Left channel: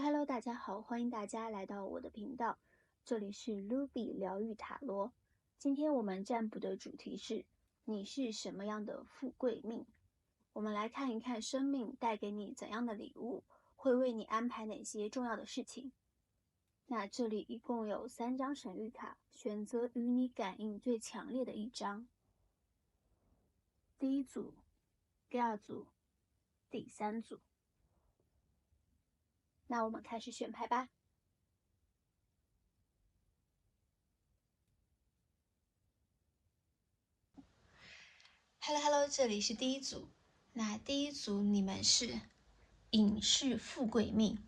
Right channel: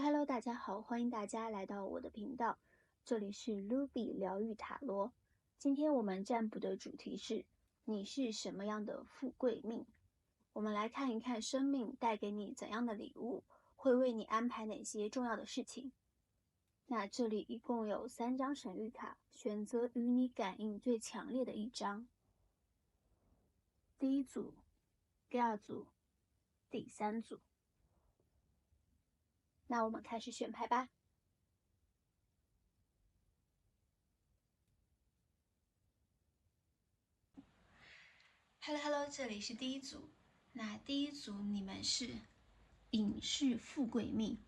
Hello，大家好，欢迎大家来到我的频道，这里是 Ruby 疗愈塔罗。今天我们占卜的主题是你是什么样的富贵命？我们来看一看生命带给你怎样的礼物，会为你安排哪些重要的事情。那这里一共有3张神谕卡，选择与你感应最强烈的一张。第一组、第二组、第3组。那我们开始选牌吧。Hello， 这里是第一组。那第一组你们是隐士富贵命。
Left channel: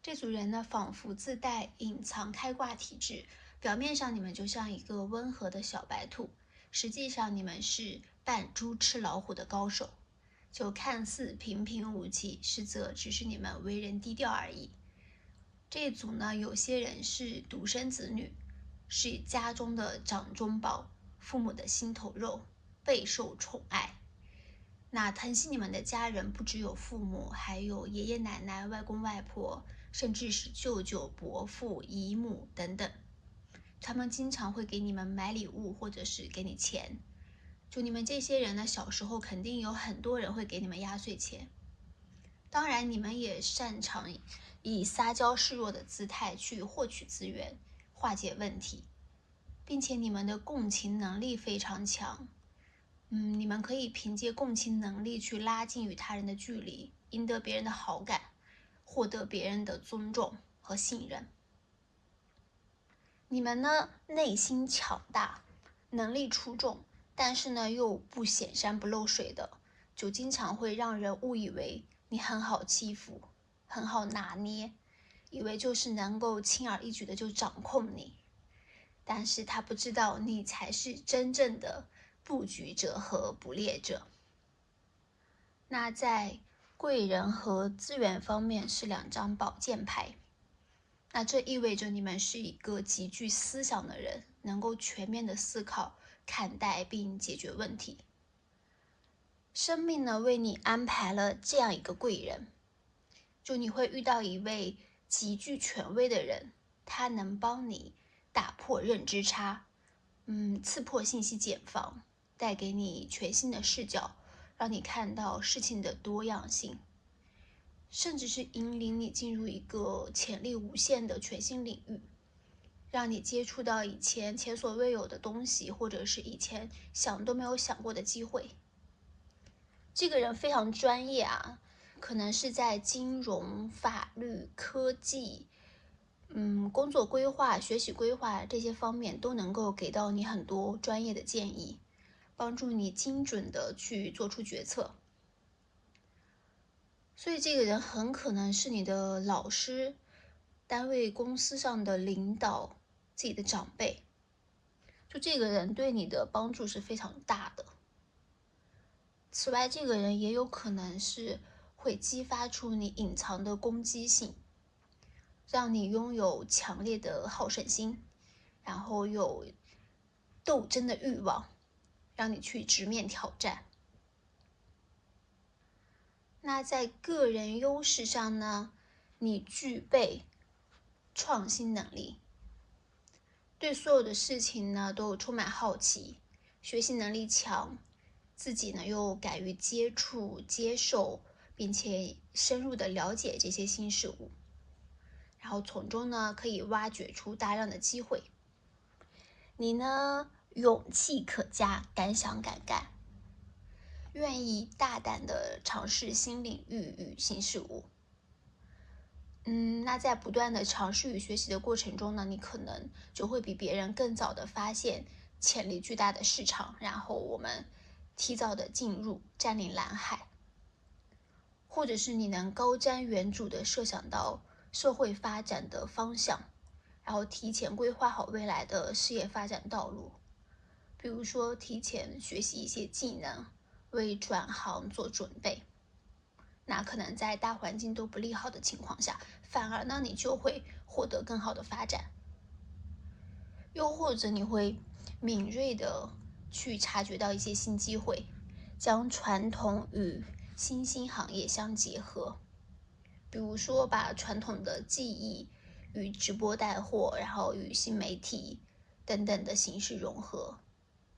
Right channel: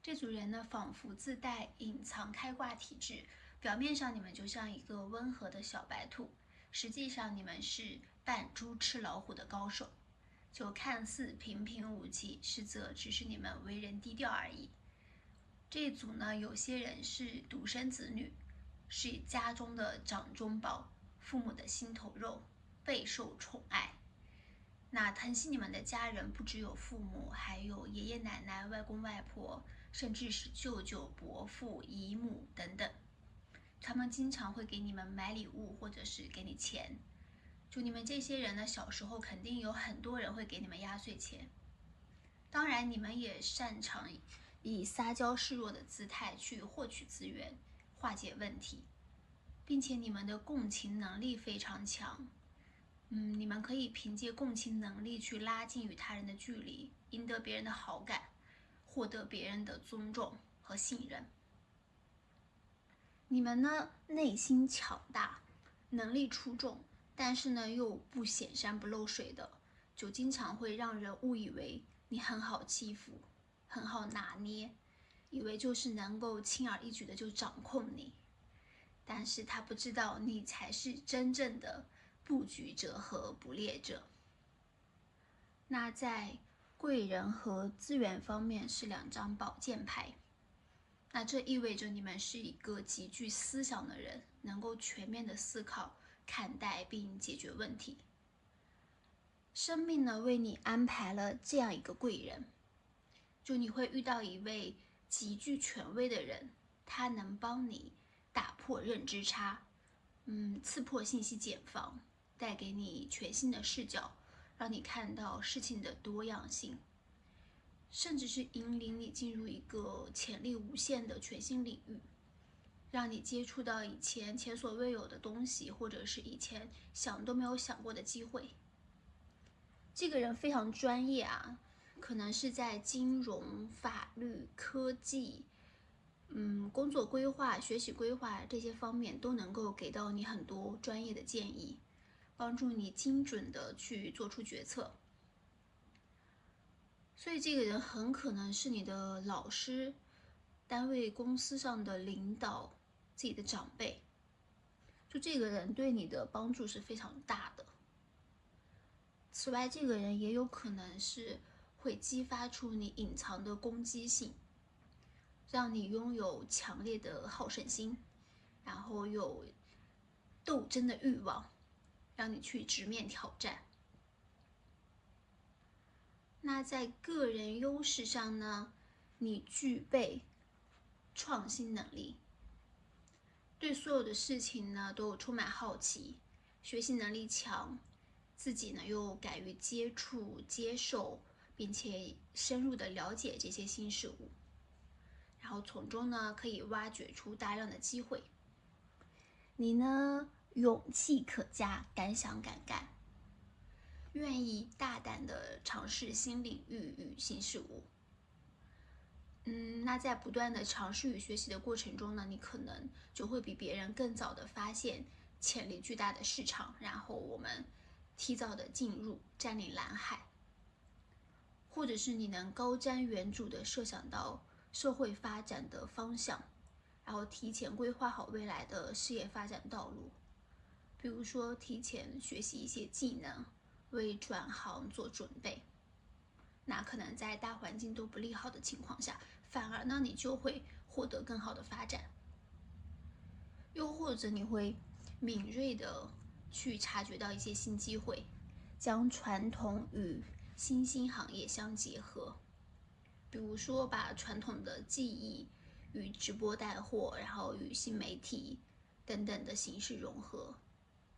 这组人呢，仿佛自带隐藏开挂体质，表面上你们就像一个温和的小白兔，实际上你们是扮猪吃老虎的高手，就看似平平无奇，实则只是你们为人低调而已。这一组呢，有些人是独生子女，是家中的掌中宝，父母的心头肉，备受宠爱。那疼惜你们的家人不只有父母，还有爷爷奶奶、外公外婆，甚至是舅舅、伯父、姨母等等。他们经常会给你们买礼物，或者是给你钱。就你们这些人呢，小时候肯定有很多人会给你们压岁钱。当然，你们也擅长以撒娇示弱的姿态去获取资源，化解问题，并且你们的共情能力非常强。你们可以凭借共情能力去拉近与他人的距离，赢得别人的好感，获得别人的尊重和信任。你们呢，内心强大，能力出众，但是呢又不显山不漏水的，就经常会让人误以为你很好欺负，很好拿捏，以为就是能够轻而易举的就掌控你。但是他不知道你才是真正的布局者和捕猎者。那在贵人和资源方面是2张宝剑牌，那这意味着你们是一个极具思想的人，能够全面的思考、看待并解决问题。生命呢，为你安排了这样一个贵人，就你会遇到一位极具权威的人，他能帮你打破认知差，刺破信息茧房，带给你全新的视角，让你看到事情的多样性，甚至是引领你进入一个潜力无限的全新领域，让你接触到以前前所未有的东西，或者是以前想都没有想过的机会。这个人非常专业啊，可能是在金融、法律、科技、工作规划、学习规划这些方面都能够给到你很多专业的建议，帮助你精准的去做出决策。所以这个人很可能是你的老师、单位公司上的领导、自己的长辈，就这个人对你的帮助是非常大的。此外，这个人也有可能是会激发出你隐藏的攻击性，让你拥有强烈的好胜心，然后有斗争的欲望，让你去直面挑战。那在个人优势上呢，你具备创新能力，对所有的事情呢都充满好奇，学习能力强，自己呢又敢于接触、接受，并且深入的了解这些新事物，然后从中呢可以挖掘出大量的机会。你呢勇气可嘉，敢想敢干，愿意大胆的尝试新领域与新事物。那在不断的尝试与学习的过程中呢，你可能就会比别人更早的发现潜力巨大的市场，然后我们提早的进入，占领蓝海。或者是你能高瞻远瞩的设想到社会发展的方向，然后提前规划好未来的事业发展道路。比如说提前学习一些技能，为转行做准备。那可能在大环境都不利好的情况下，反而呢你就会获得更好的发展。又或者你会敏锐的去察觉到一些新机会，将传统与新兴行业相结合。比如说把传统的技艺与直播带货，然后与新媒体等等的形式融合，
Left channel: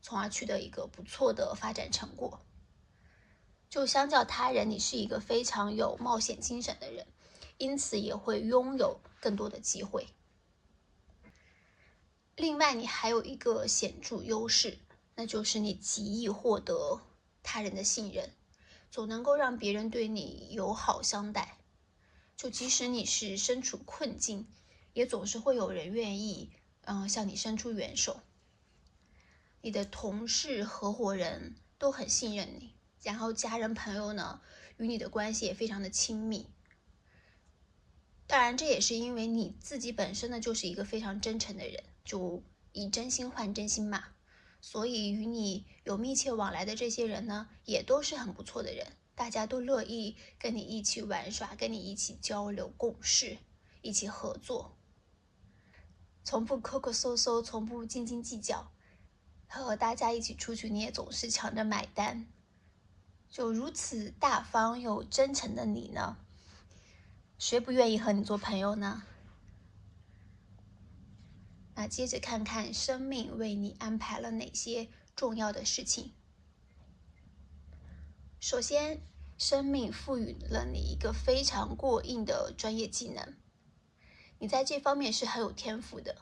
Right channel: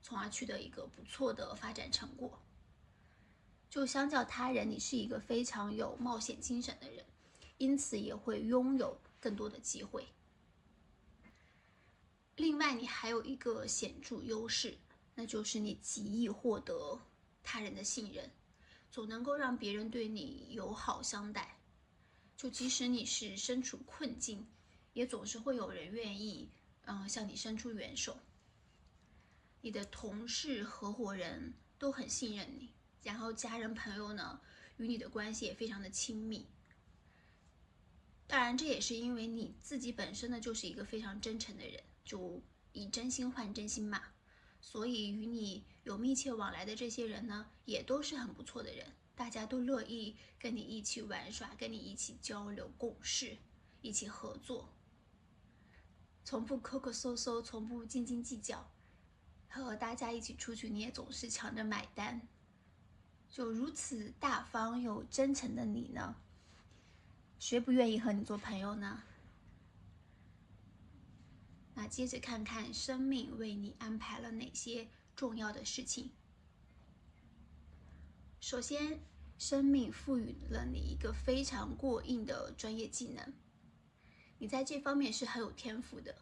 从而取得一个不错的发展成果。就相较他人，你是一个非常有冒险精神的人，因此也会拥有更多的机会。另外，你还有一个显著优势，那就是你极易获得他人的信任，总能够让别人对你友好相待。就即使你是身处困境，也总是会有人愿意向你伸出援手。你的同事、合伙人都很信任你，然后家人朋友呢，与你的关系也非常的亲密。当然，这也是因为你自己本身呢就是一个非常真诚的人，就以真心换真心嘛。所以与你有密切往来的这些人呢，也都是很不错的人，大家都乐意跟你一起玩耍，跟你一起交流共事，一起合作，从不抠抠搜搜，从不斤斤计较。和大家一起出去，你也总是抢着买单。就如此大方又真诚的你呢，谁不愿意和你做朋友呢？那接着看看生命为你安排了哪些重要的事情。首先，生命赋予了你一个非常过硬的专业技能，你在这方面是很有天赋的。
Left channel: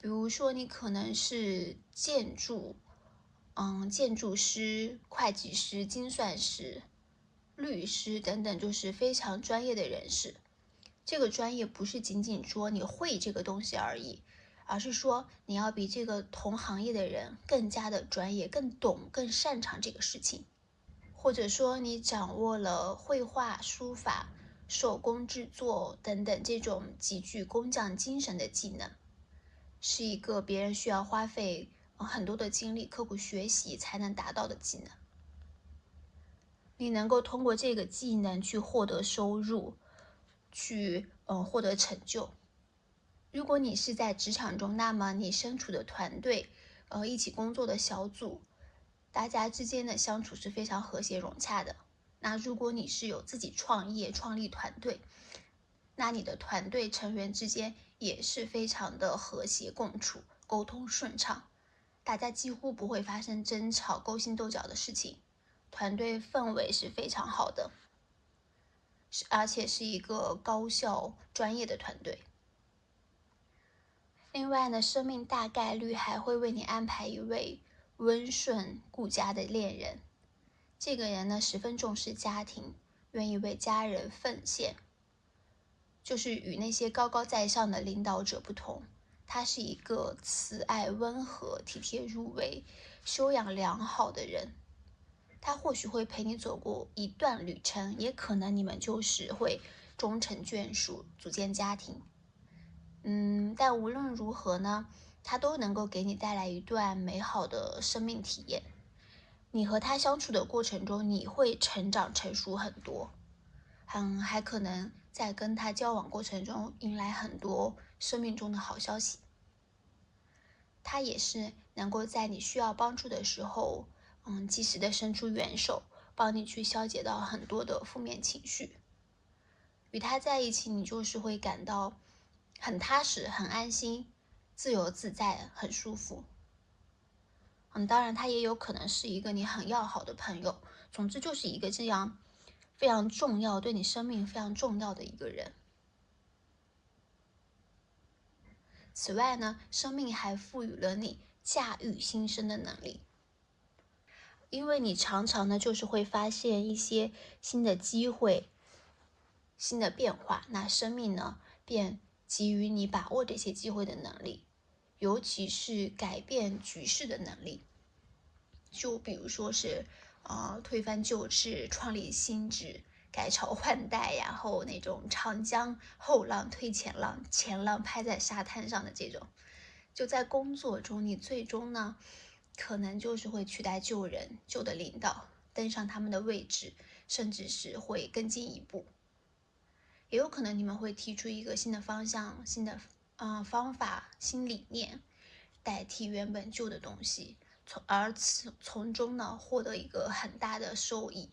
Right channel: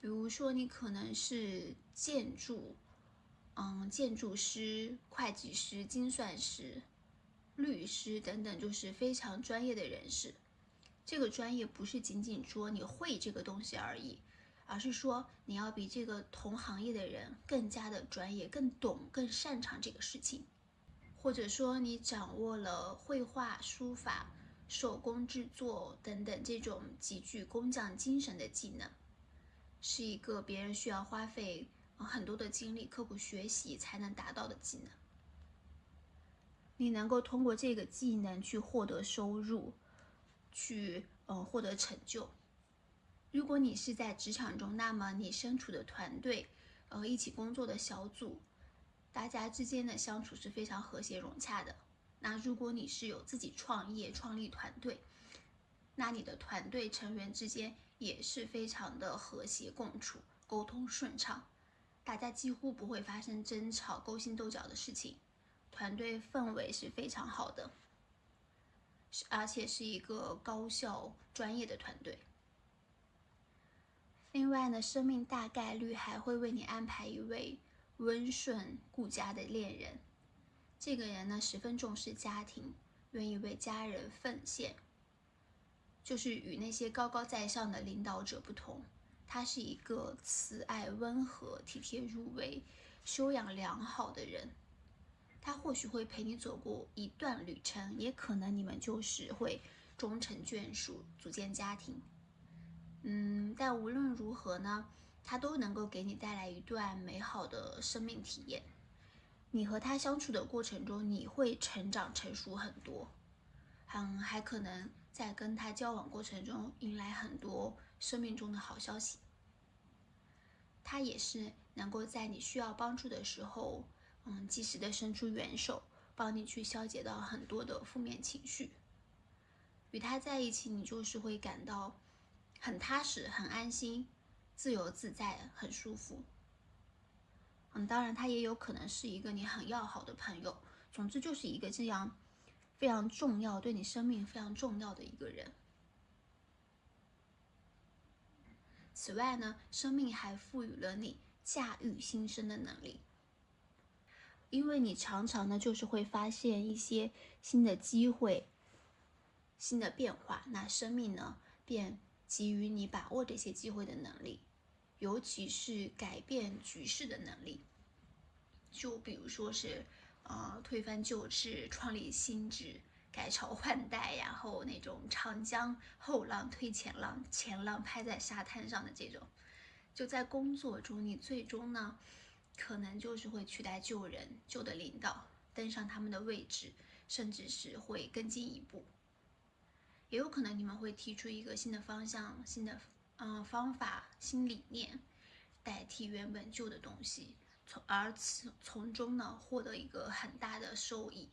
比如说，你可能是建筑师、会计师、精算师、律师等等，就是非常专业的人士。这个专业不是仅仅说你会这个东西而已，而是说你要比这个同行业的人更加的专业，更懂、更擅长这个事情。或者说你掌握了绘画、书法、手工制作等等这种极具工匠精神的技能，是一个别人需要花费很多的精力、刻苦学习才能达到的技能。你能够通过这个技能去获得收入，去获得成就。如果你是在职场中，那么你身处的团队，一起工作的小组，大家之间的相处是非常和谐融洽的。那如果你是有自己创业、创立团队，那你的团队成员之间也是非常的和谐共处，沟通顺畅，大家几乎不会发生争吵、勾心斗角的事情，团队氛围是非常好的，而且是一个高效专业的团队。另外呢，生命大概率还会为你安排一位温顺顾家的恋人。这个人呢，十分重视家庭，愿意为家人奉献。就是与那些高高在上的领导者不同，他是一个慈爱温和、体贴入微、修养良好的人。他或许会陪你走过一段旅程，也可能你们就是会终成眷属，组建家庭。但无论如何呢，他都能够给你带来一段美好的生命体验。你和他相处的过程中，你会成长成熟很多，还可能在跟他交往过程中迎来很多生命中的好消息。他也是能够在你需要帮助的时候，及时的伸出援手，帮你去消解到很多的负面情绪。与他在一起，你就是会感到很踏实、很安心、自由自在、很舒服。当然他也有可能是一个你很要好的朋友，总之就是一个这样非常重要，对你生命非常重要的一个人。此外呢，生命还赋予了你驾驭新生的能力，因为你常常呢就是会发现一些新的机会、新的变化，那生命呢便给予你把握这些机会的能力，尤其是改变局势的能力。就比如说是推翻旧制、创立新制、改朝换代，然后那种长江后浪推前浪，前浪拍在沙滩上的这种。就在工作中，你最终呢可能就是会取代旧人、旧的领导，登上他们的位置，甚至是会更进一步。也有可能你们会提出一个新的方向、新的方法、新理念，代替原本旧的东西，从中呢获得一个很大的收益。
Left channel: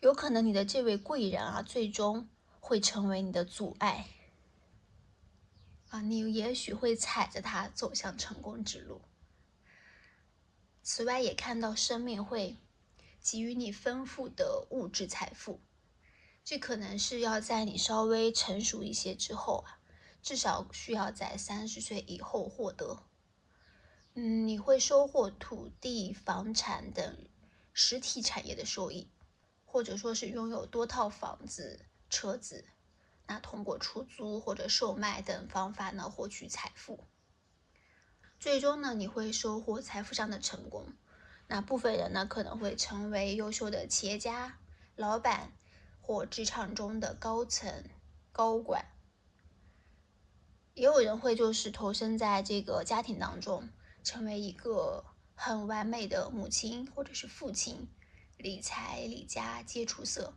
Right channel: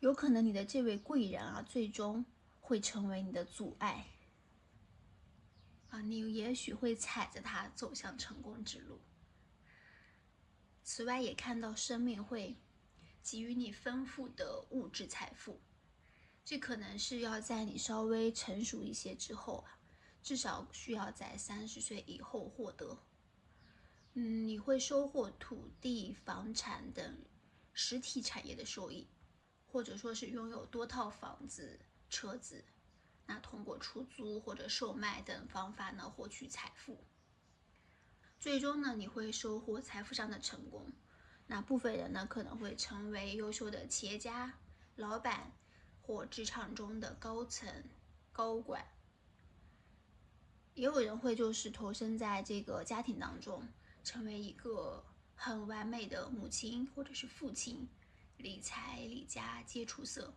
有可能你的这位贵人啊，最终会成为你的阻碍啊，你也许会踩着它走向成功之路。此外，也看到生命会给予你丰富的物质财富，这可能是要在你稍微成熟一些之后啊，至少需要在30岁以后获得。你会收获土地、房产等实体产业的收益，或者说是拥有多套房子、车子，那通过出租或者售卖等方法呢，获取财富。最终呢，你会收获财富上的成功。那部分人呢，可能会成为优秀的企业家、老板或职场中的高层、高管。也有人会就是投身在这个家庭当中，成为一个很完美的母亲或者是父亲，理财理家皆出色，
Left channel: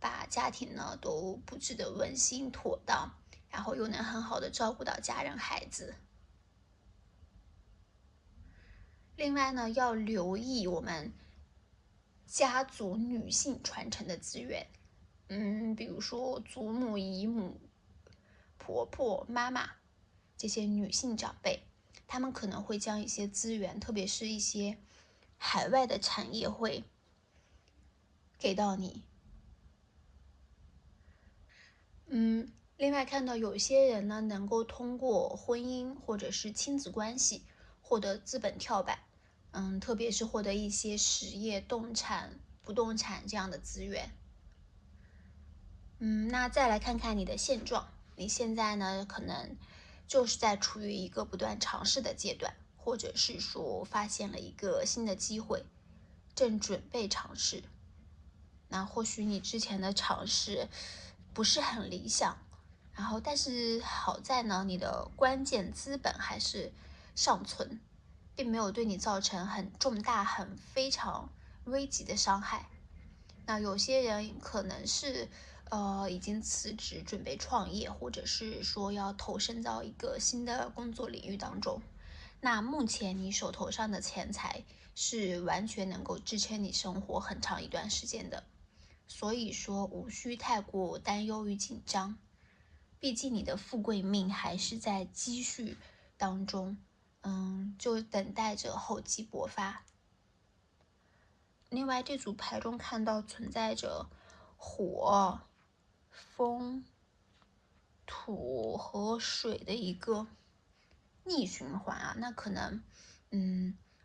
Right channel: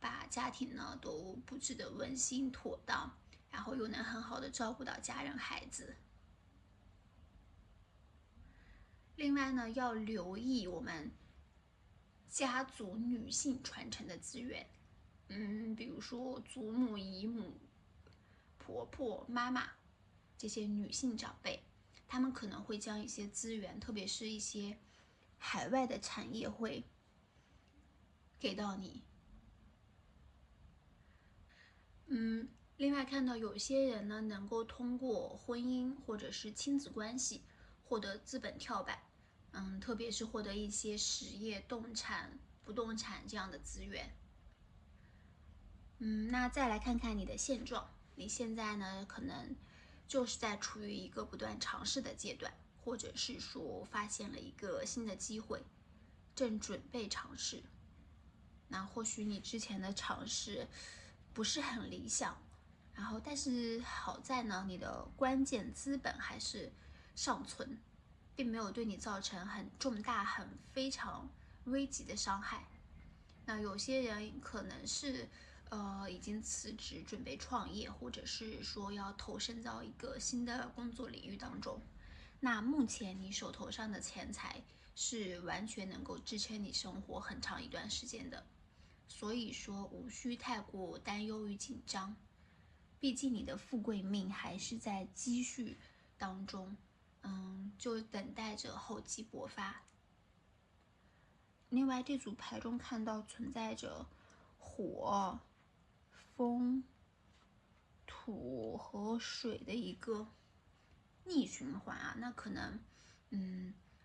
把家庭呢都布置得温馨妥当，然后又能很好的照顾到家人孩子。另外呢，要留意我们家族女性传承的资源，比如说祖母、姨母、婆婆、妈妈这些女性长辈，她们可能会将一些资源，特别是一些海外的产业会给到你。另外看到有些人呢，能够通过婚姻或者是亲子关系获得资本跳板，特别是获得一些实业、不动产这样的资源。那再来看看你的现状，你现在呢，可能就是在处于一个不断尝试的阶段，或者是说发现了一个新的机会，正准备尝试。那或许你之前的尝试不是很理想，但是好在呢，你的关键资本还是尚存，并没有对你造成很重大、非常危急的伤害。那有些人可能是已经辞职准备创业，或者是说要投身到一个新的工作领域当中。那目前你手头上的钱财是完全能够支撑你生活很长一段时间的，所以说无需太过担忧与紧张。毕竟你的富贵命还是在积蓄当中，就等待着厚积薄发。另外，这组牌中看到存在着火、风、土和水的一个逆循环啊，那可能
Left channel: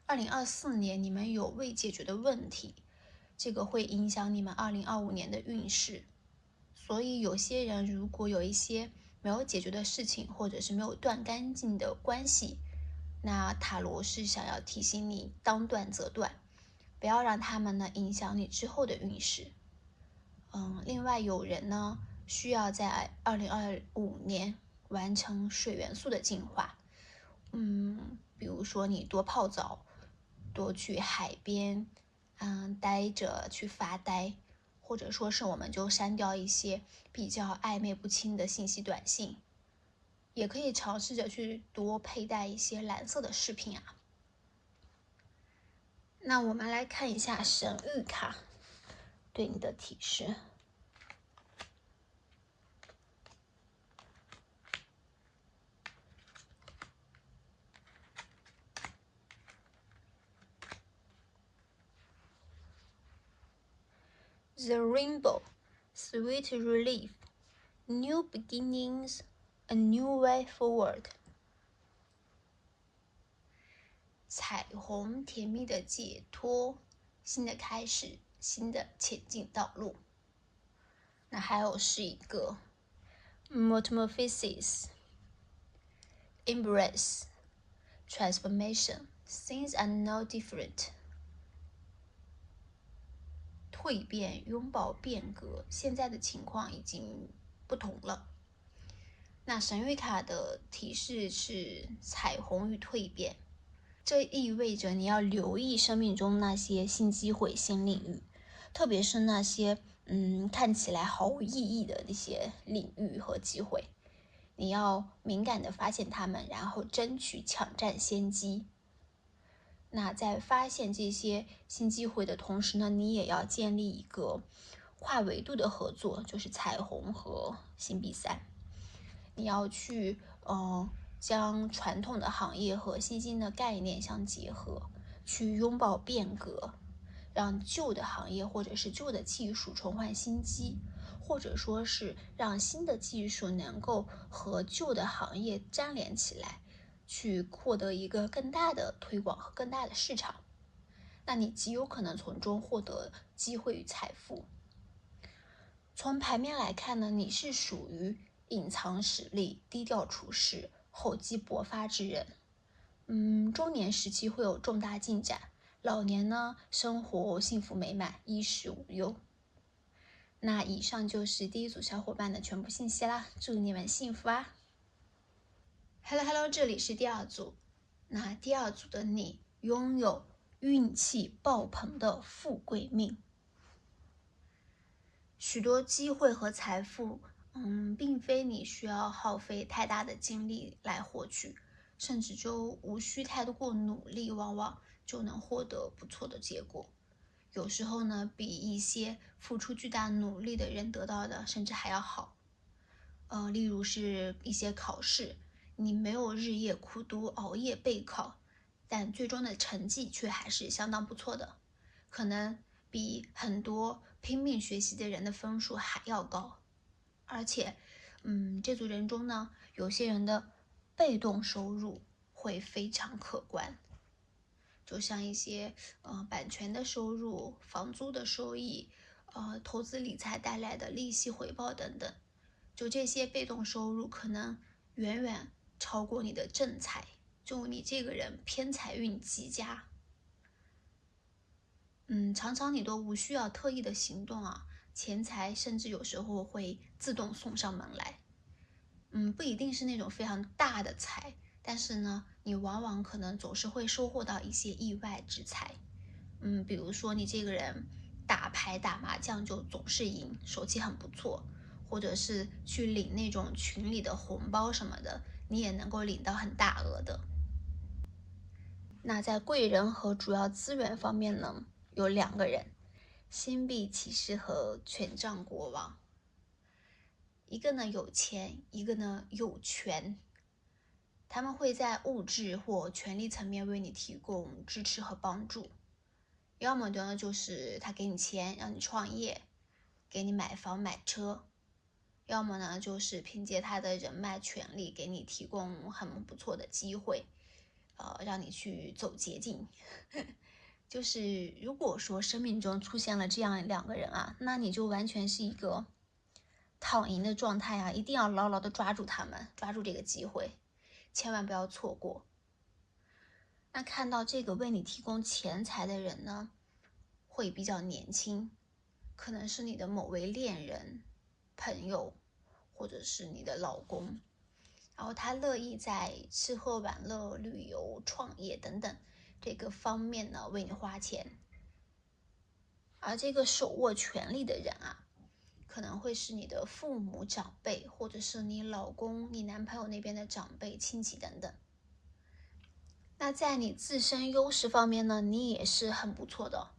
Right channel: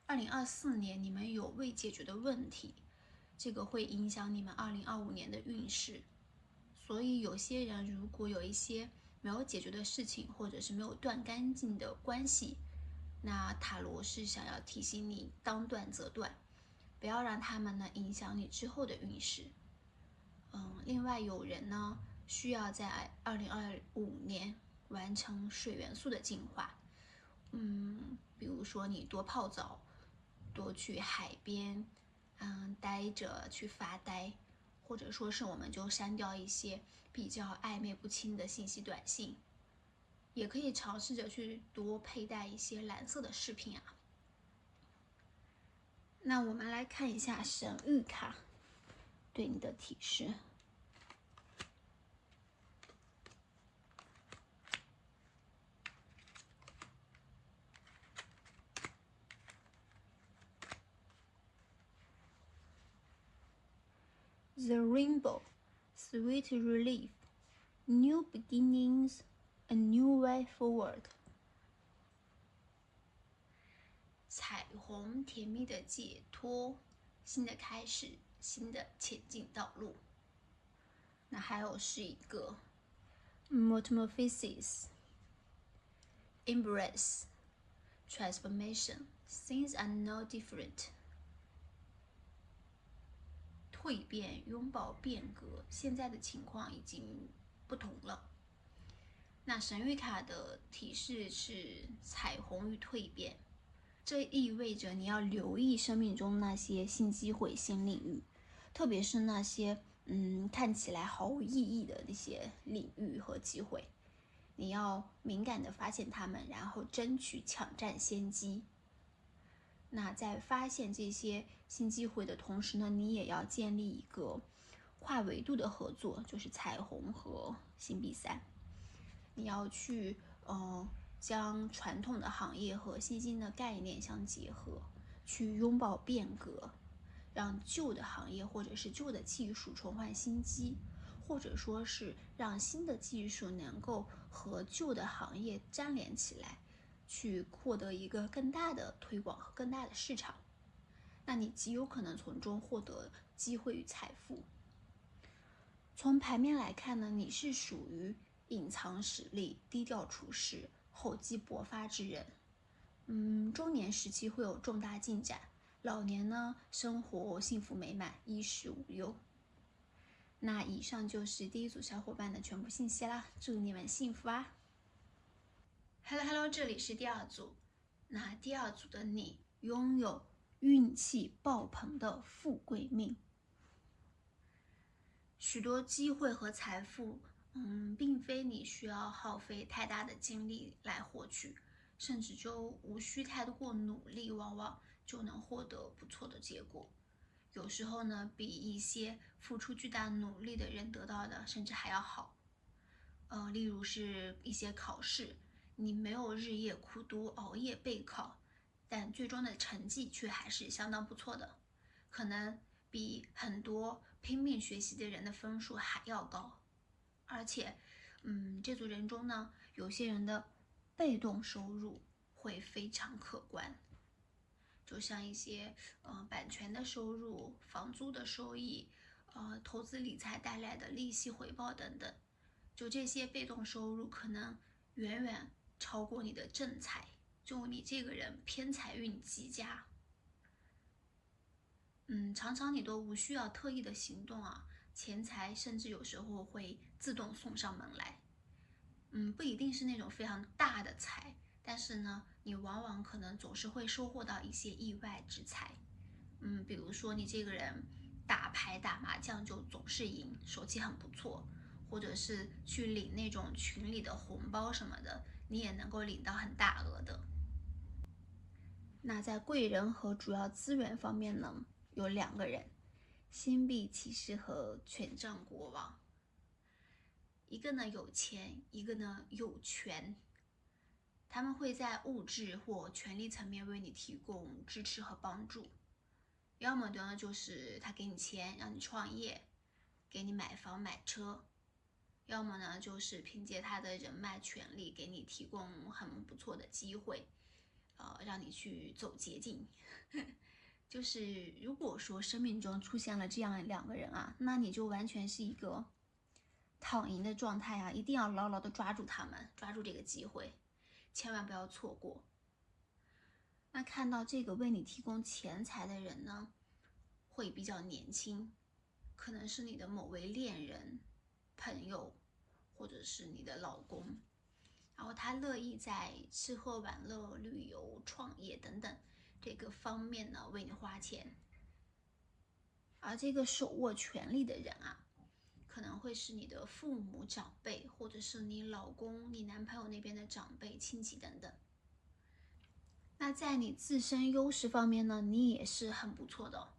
，2024年你们有未解决的问题，这个会影响你们2025年的运势。所以有些人如果有一些没有解决的事情，或者是没有断干净的关系，那塔罗是想要提醒你当断则断，不要让他们呢影响你之后的运势。另外有人呢需要在2025年完成水元素的净化，比如说你多泡澡，多去海边，待着去发呆，或者说是我们就删掉一些比较暧昧不清的信息短信，也可以尝试着去多佩戴一些蓝色的饰品啊。那我们来看一下神谕卡对你的提示。The rainbow, sweet relief, new beginnings, a new way forward. 彩虹，甜蜜的解脱，新的开始，新的前进道路。那还有是一个 metamorphosis, embrace, transformation, things are now different. 蜕变，拥抱变革，现在的情况已经不同了。那神谕卡的提示是彩虹与蜕变，这意味着你要留意生命中那些新机会、新领域，特别是那些看起来毫无意义的那些领域和机会，你要敏感地发现它们，然后争取抢占先机。那在发现这些新机会的同时呢，你也要建立一个跨维度的合作，就是彩虹和新比赛。你要去将传统的行业和新兴的概念相结合，去拥抱变革，让旧的行业或者是旧的技术重焕新机，或者说是让新的技术能够和旧的行业粘连起来，去获得一个更大的推广和更大的市场。那你极有可能从中获得机会与财富。从牌面来看呢，你是属于隐藏实力、低调处事、厚积薄发之人。中年时期会有重大进展，老年呢，生活幸福美满，衣食无忧。那以上就是第一组小伙伴的全部信息啦，祝你们幸福啊 ！Hello， 这里是第二组。那第二组的你拥有运气爆棚的富贵命，许多机会和财富，并非你需要耗费太大的精力来获取，甚至就无需太过努力，往往就能获得不错的结果。有时候呢，比一些付出巨大努力的人得到的甚至还要好。例如是一些考试，你没有日夜苦读、熬夜备考，但最终的成绩却还是相当不错的，可能比很多拼命学习的人的分数还要高。而且，这组人中呢，有些人的被动收入会非常可观，就像一些版权的收入、房租的收益、投资理财带来的利息回报等等，就这些被动收入可能远远超过你的正财，就你这个人偏财运极佳。常常你都无需要特意的行动啊，钱财甚至有时候会自动送上门来。不一定是那种非常大的财，但是呢，你往往可能总是会收获到一些意外之财。比如说你这个人打牌打麻将就总是赢，手气很不错，或者是去领那种群里的红包什么的，你也能够领到很大额的。那在贵人和主要资源方面呢，有2个人，星币骑士和权杖国王。一个呢有钱，一个呢有权，他们会在物质或权力层面为你提供支持和帮助。要么呢就是他给你钱让你创业，给你买房买车，要么呢就是凭借他的人脉权力给你提供很不错的机会，让你去走捷径。就是如果说生命中出现了这样2个人啊，那你就完全是一个躺赢的状态啊，一定要牢牢的抓住他们，抓住这个机会，千万不要错过。那看到这个为你提供钱财的人呢，会比较年轻，可能是你的某位恋人、朋友，或者是你的老公，然后他乐意在吃喝玩乐、旅游、创业等等这个方面呢为你花钱。而这个手握权力的人啊，可能会是你的父母长辈，或者是你老公、你男朋友那边的长辈、亲戚等等。那在你自身优势方面呢，你也是很不错的，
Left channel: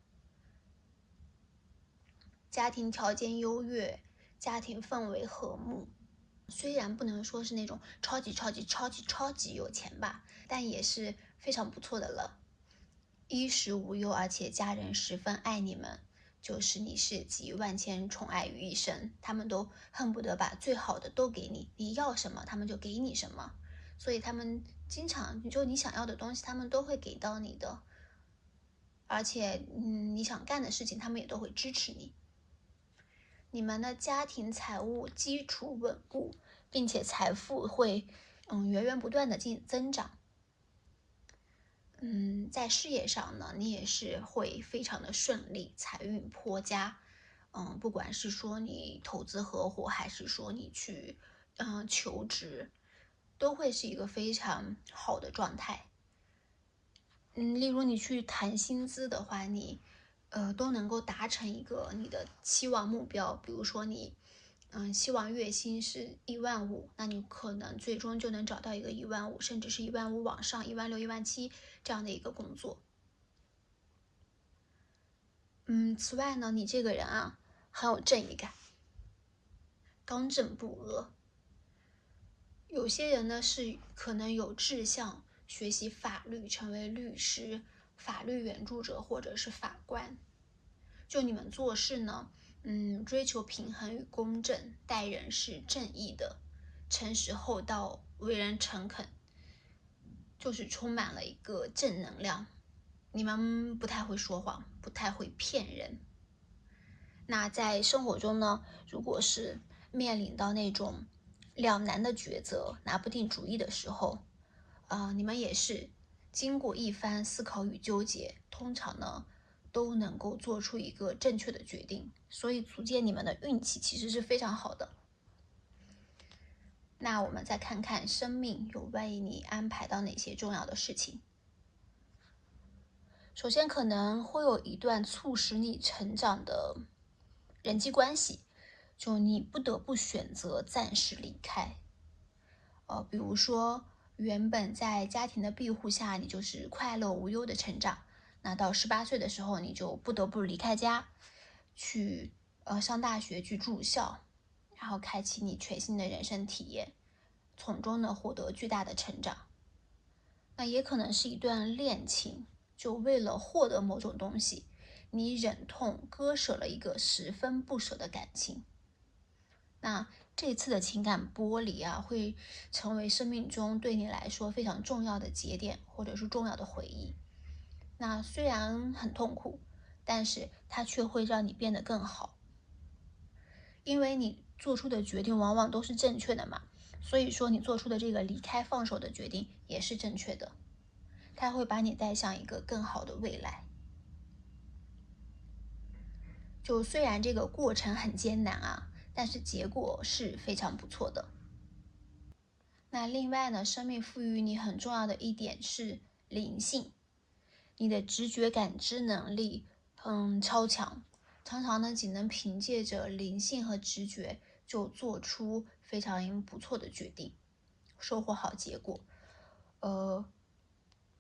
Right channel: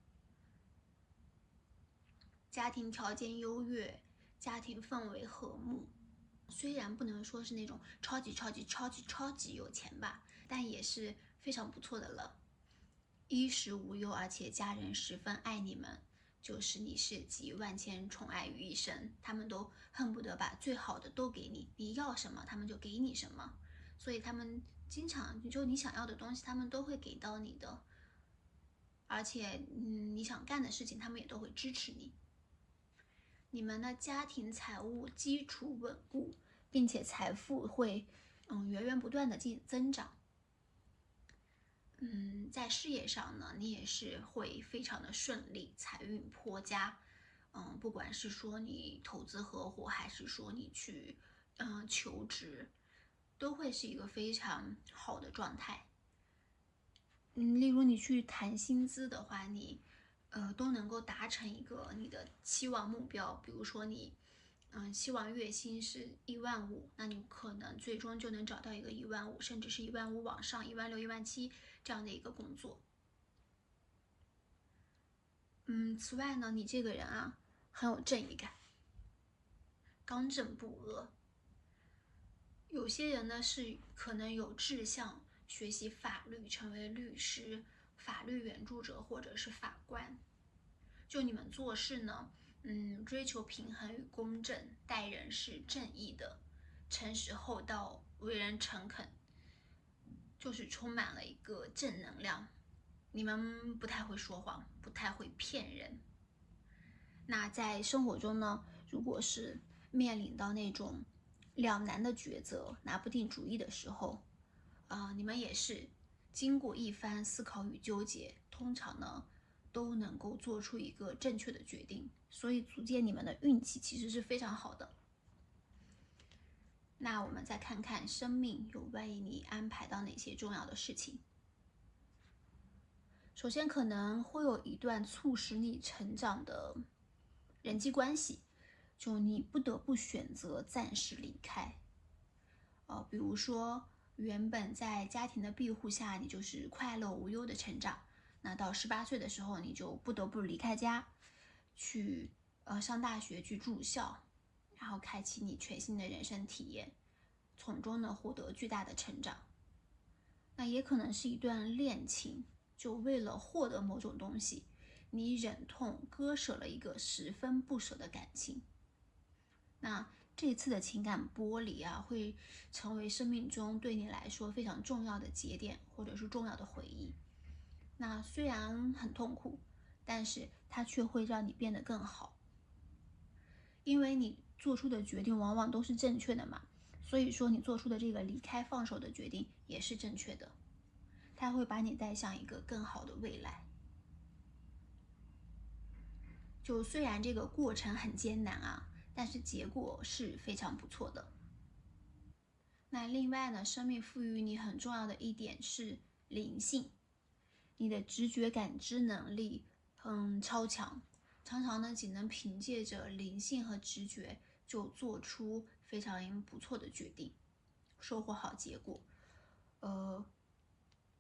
家庭条件优越，家庭氛围和睦。虽然不能说是那种超级有钱吧，但也是非常不错的了。衣食无忧，而且家人十分爱你们，就是你是集万千宠爱于一身，他们都恨不得把最好的都给你，你要什么他们就给你什么，所以他们经常就你想要的东西他们都会给到你的，而且你想干的事情他们也都会支持你。你们的家庭财务基础稳固，并且财富会源源不断的增长。在事业上呢，你也是会非常的顺利，财运颇佳。不管是说你投资合伙，还是说你去求职，都会是一个非常好的状态。例如你去谈薪资的话，你都能够达成一个你的期望目标。比如说你希望月薪是15000，那你可能最终就能找到一个15000，甚至是15000往上，16000、17000这样的一个工作。此外呢，你这个人啊，很有正义感，刚正不阿。有些人呢是可能有志向学习法律，成为律师、法律援助者或者是法官。就你们做事呢，追求平衡与公正，待人是正义的，诚实厚道，为人诚恳，就是充满了一个正能量。你们不太会说谎，不太会骗人。那在生活中呢，如果是面临到那种两难的抉择，拿不定主意的时候，你们也是经过一番思考与纠结，通常呢都能够做出一个正确的决定，所以足见你们的运气其实是非常好的。那我们再看看生命有为你安排到哪些重要的事情。首先可能会有一段促使你成长的人际关系，就你不得不选择暂时离开。比如说原本在家庭的庇护下，你就是快乐无忧的成长，那到18岁的时候，你就不得不离开家，去上大学，去住校，然后开启你全新的人生体验，从中呢获得巨大的成长。那也可能是一段恋情，就为了获得某种东西，你忍痛割舍了一个十分不舍的感情。那这次的情感剥离啊，会成为生命中对你来说非常重要的节点，或者是重要的回忆。那虽然很痛苦，但是它却会让你变得更好，因为你做出的决定往往都是正确的嘛，所以说你做出的这个离开放手的决定也是正确的，它会把你带向一个更好的未来。就虽然这个过程很艰难啊，但是结果是非常不错的。那另外呢，生命赋予你很重要的一点是灵性，你的直觉感知能力超强，常常呢仅能凭借着灵性和直觉就做出非常不错的决定，收获好结果。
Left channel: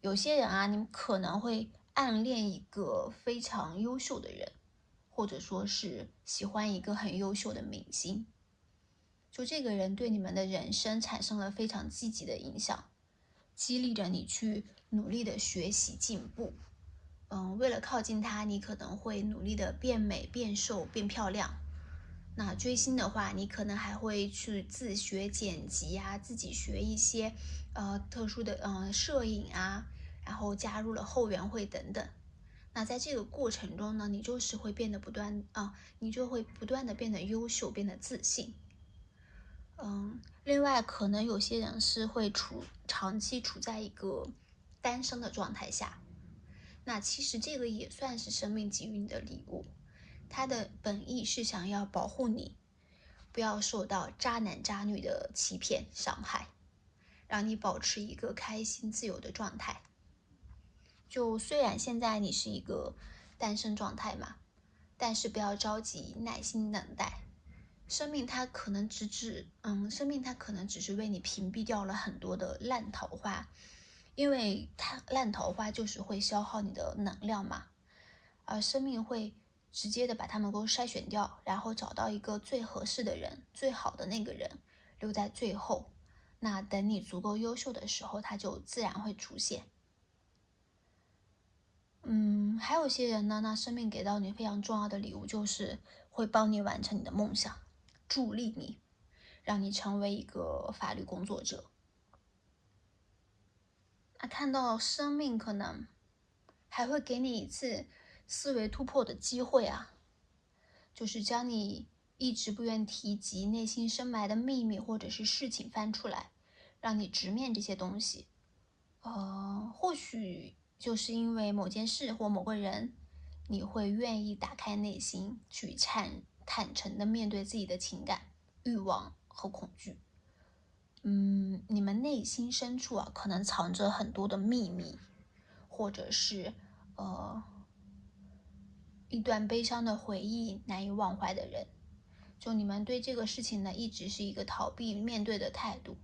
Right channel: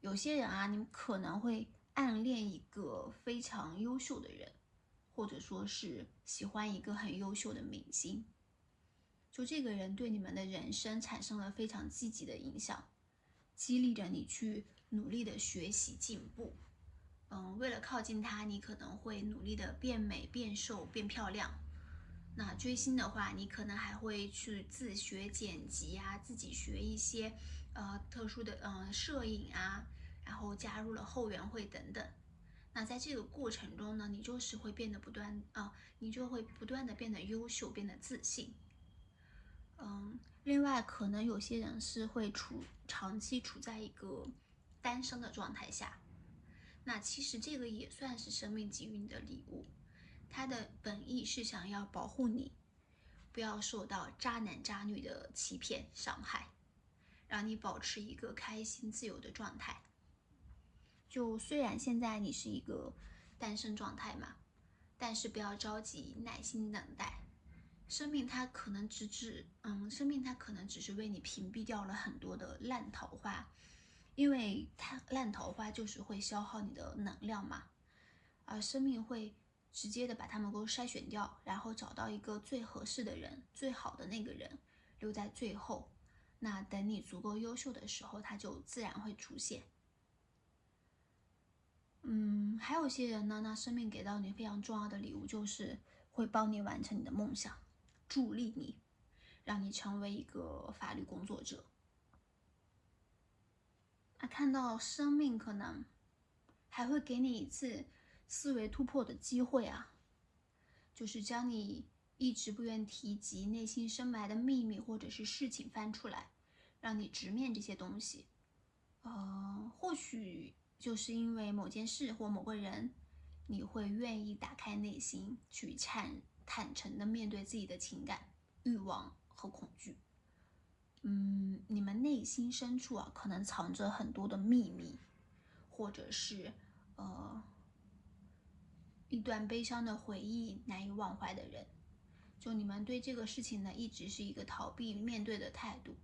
有些人啊，你们可能会暗恋一个非常优秀的人，或者说是喜欢一个很优秀的明星，就这个人对你们的人生产生了非常积极的影响，激励着你去努力的学习进步。为了靠近他，你可能会努力的变美、变瘦、变漂亮。那追星的话，你可能还会去自学剪辑啊，自己学一些特殊的摄影啊，然后加入了后援会等等。那在这个过程中呢，你就是会变得你就会不断的变得优秀，变得自信。另外可能有些人是会长期处在一个单身的状态下，那其实这个也算是生命给予你的礼物，它的本意是想要保护你，不要受到渣男渣女的欺骗伤害，让你保持一个开心自由的状态。就虽然现在你是一个单身状态嘛，但是不要着急，耐心等待。生命它可能只是为你屏蔽掉了很多的烂桃花，因为它烂桃花就是会消耗你的能量嘛，而生命会直接的把它们都筛选掉，然后找到一个最合适的人，最好的那个人留在最后。那等你足够优秀的时候，它就自然会出现。还有些人呢，那生命给到你非常重要的礼物，就是会帮你完成你的梦想，助力你，让你成为一个法律工作者。那看到生命可能还会给你一次思维突破的机会啊，就是将你一直不愿提及、内心深埋的秘密或者是事情翻出来，让你直面这些东西。或许就是因为某件事或某个人，你会愿意打开内心，去坦诚的面对自己的情感、欲望和恐惧。你们内心深处啊，可能藏着很多的秘密，或者是一段悲伤的回忆，难以忘怀的人。就你们对这个事情呢，一直是一个逃避面对的态度，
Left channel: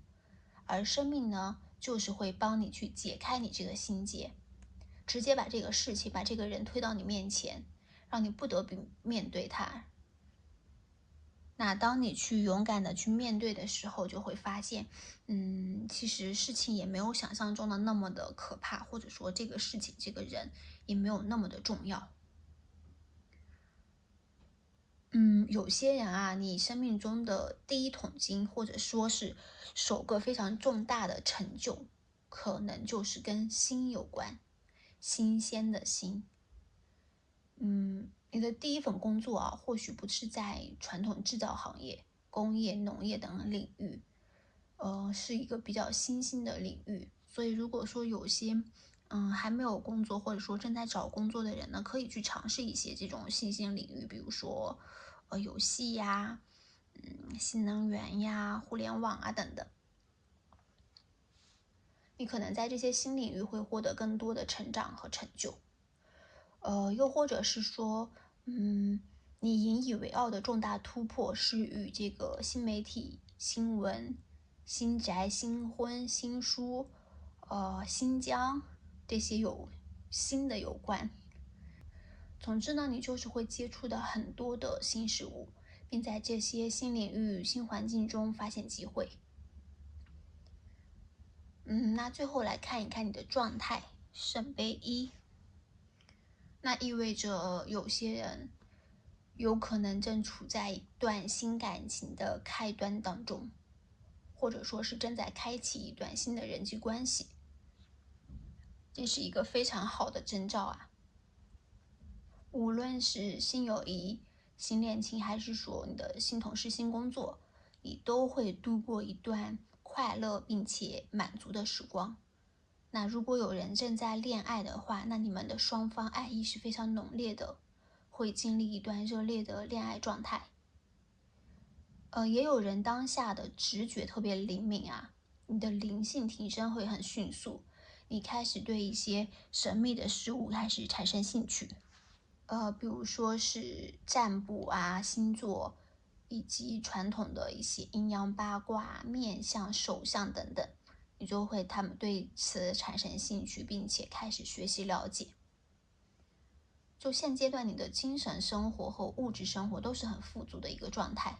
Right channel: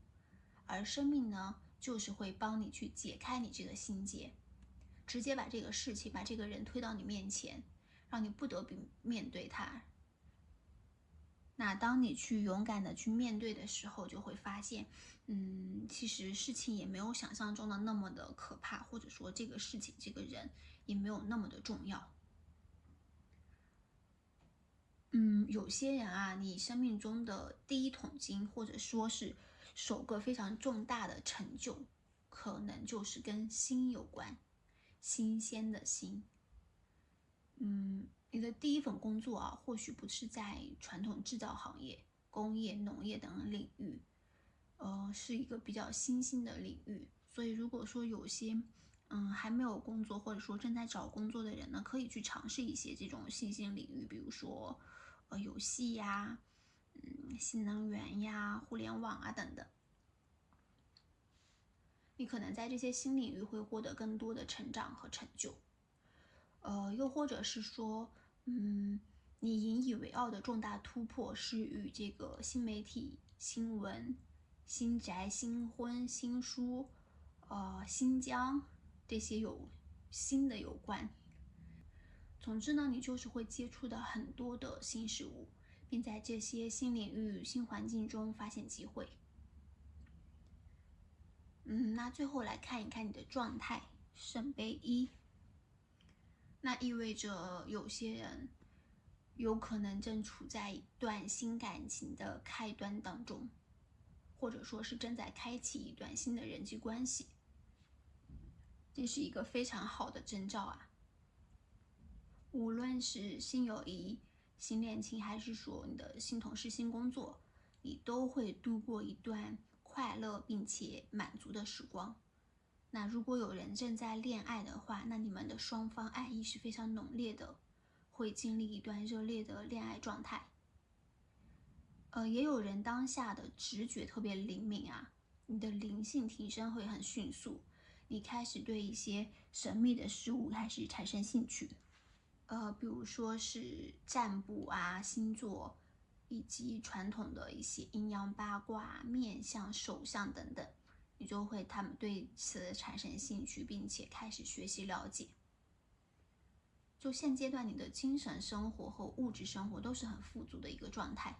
而生命呢，就是会帮你去解开你这个心结，直接把这个事情、把这个人推到你面前，让你不得不面对他，那当你去勇敢的去面对的时候，就会发现，其实事情也没有想象中的那么的可怕，或者说这个事情、这个人也没有那么的重要。有些人啊，你生命中的第一桶金，或者说是首个非常重大的成就，可能就是跟新有关，新鲜的新。你的第一份工作啊，或许不是在传统制造行业、工业、农业等领域，是一个比较新兴的领域。所以，如果说有些还没有工作，或者说正在找工作的人呢，可以去尝试一些这种新兴领域，比如说游戏呀、新能源呀、互联网啊等等。你可能在这些新领域会获得更多的成长和成就。又或者是说，你引以为傲的重大突破是与这个新媒体、新闻、新宅、新婚、新书、新疆这些有新的有关。总之呢，你就是会接触到很多的新事物，并在这些新领域、新环境中发现机会。那最后来看一看你的状态，圣杯1。那意味着有些人有可能正处在一段新感情的开端当中，或者说是正在开启一段新的人际关系，这是一个非常好的征兆啊。无论是新友谊、新恋情，还是说你的新同事、新工作，你都会度过一段快乐并且满足的时光。那如果有人正在恋爱的话，那你们的双方爱意是非常浓烈的，会经历一段热烈的恋爱状态。也有人当下的直觉特别灵敏啊，你的灵性提升会很迅速，你开始对一些神秘的事物开始产生兴趣。比如说是占卜啊、星座，以及传统的一些阴阳八卦、面相、手相等等，你就会他们对此产生兴趣，并且开始学习了解。就现阶段你的精神生活和物质生活都是很富足的一个状态，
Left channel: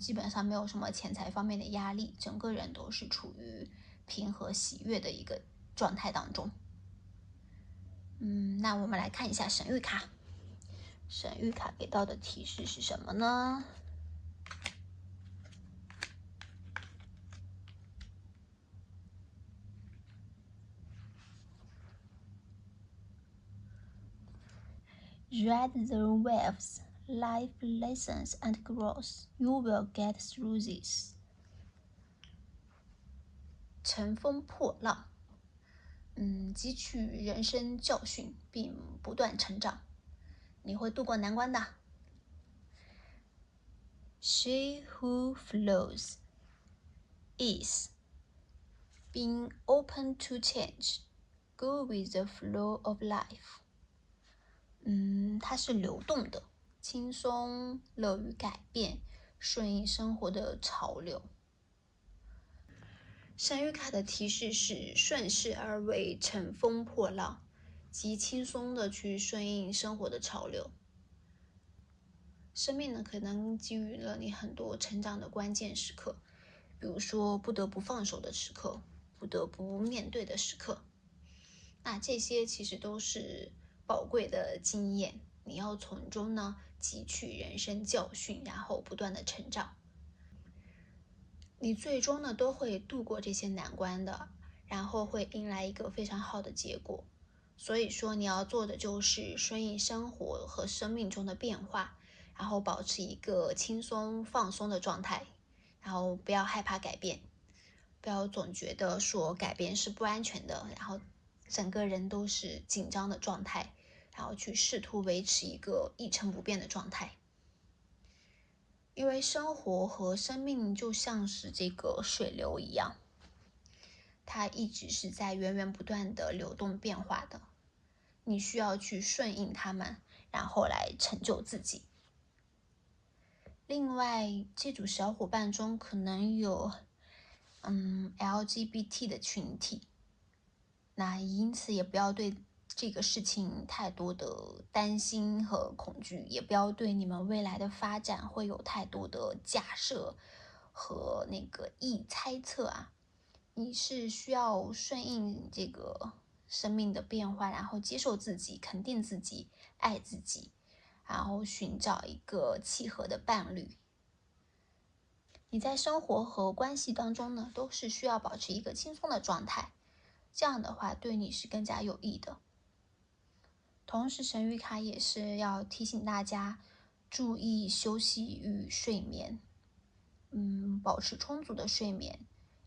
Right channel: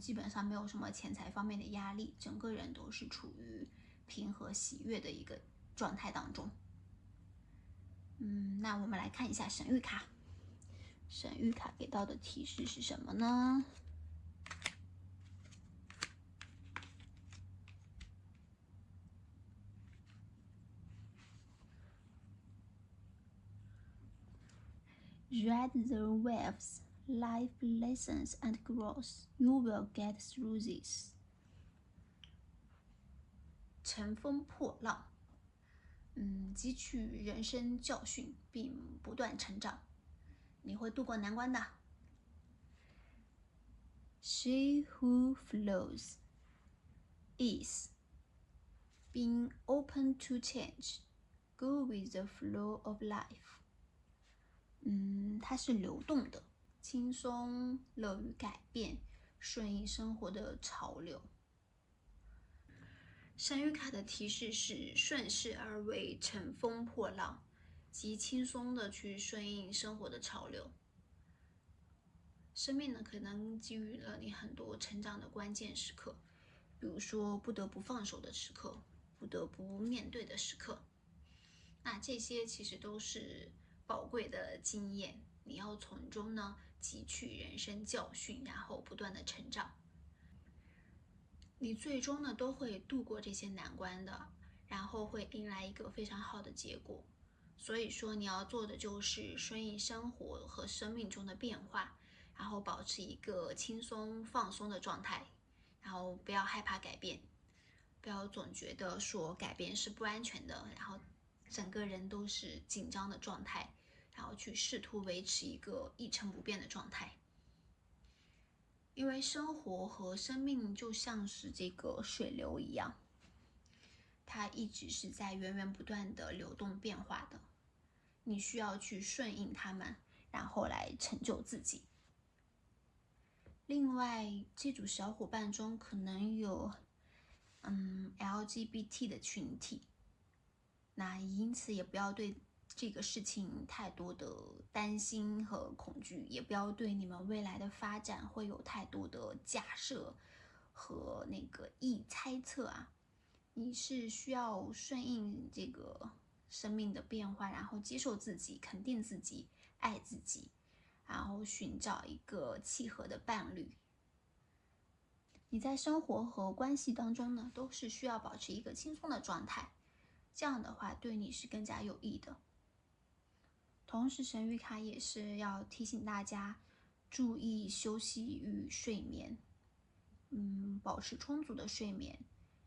基本上没有什么钱财方面的压力，整个人都是处于平和喜悦的一个状态当中。那我们来看一下神谕卡。神谕卡给到的提示是什么呢？Ride the waves, life lessons and growth. You will get through this. 乘风破浪，汲取人生教训并不断成长，你会度过难关的。She who flows is being open to change, go with the flow of life. 它是流动的，轻松，乐于改变，顺应生活的潮流。神谕卡的提示是顺势而为，乘风破浪，极轻松的去顺应生活的潮流。生命呢，可能给予了你很多成长的关键时刻，比如说不得不放手的时刻，不得不面对的时刻。那这些其实都是宝贵的经验，你要从中呢汲取人生教训，然后不断的成长。你最终呢都会度过这些难关的，然后会迎来一个非常好的结果。所以说你要做的就是顺应生活和生命中的变化，然后保持一个轻松放松的状态，然后不要害怕改变，不要总觉得说改变是不安全的，然后整个人都是紧张的状态，然后去试图维持一个一成不变的状态。因为生活和生命就像是这个水流一样，它一直是在源源不断的流动变化的，你需要去顺应它们，然后来成就自己。另外，这组小伙伴中可能有LGBT 的群体，那因此也不要对这个事情太多的担心和恐惧，也不要对你们未来的发展会有太多的假设和那个猜测啊。你是需要顺应这个生命的变化，然后接受自己，肯定自己，爱自己，然后寻找一个契合的伴侣。你在生活和关系当中呢，都是需要保持一个轻松的状态，这样的话对你是更加有益的。同时神谕卡也是要提醒大家注意休息与睡眠，保持充足的睡眠，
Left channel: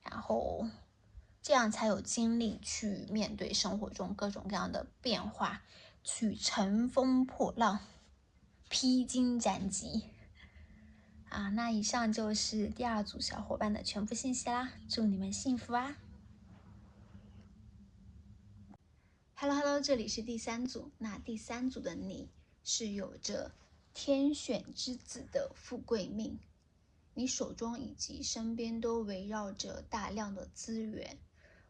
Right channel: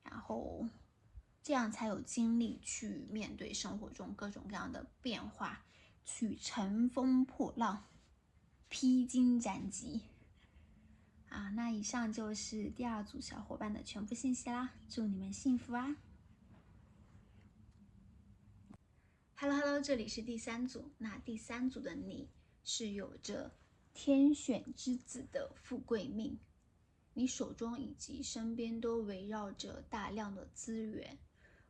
然后这样才有精力去面对生活中各种各样的变化，去乘风破浪，披荆斩棘。那以上就是第2组小伙伴的全部信息啦，祝你们幸福啊！Hello， 这里是第3组。那第3组的你是有着天选之子的富贵命，你手中以及身边都围绕着大量的资源，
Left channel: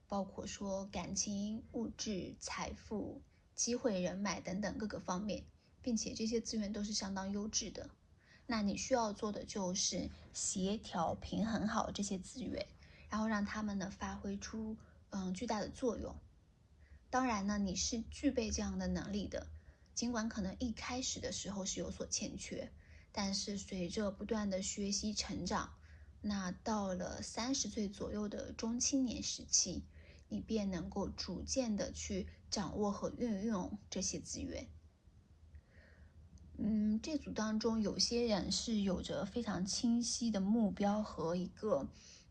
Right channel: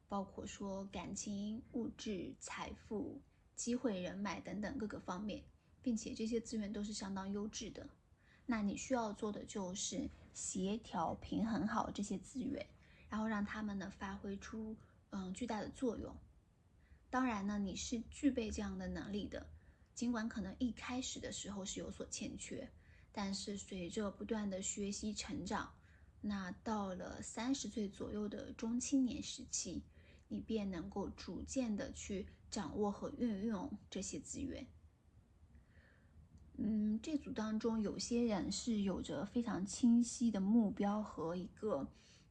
包括说感情、物质、财富、机会、人脉等等各个方面，并且这些资源都是相当优质的。那你需要做的就是协调平衡好这些资源，然后让他们呢发挥出巨大的作用。当然呢，你是具备这样的能力的，尽管可能一开始的时候是有所欠缺，但是随着不断的学习成长，那到了30岁左右的中青年时期，你便能够逐渐的去掌握和运用这些资源。这组当中有些人是有着非常清晰的目标和一个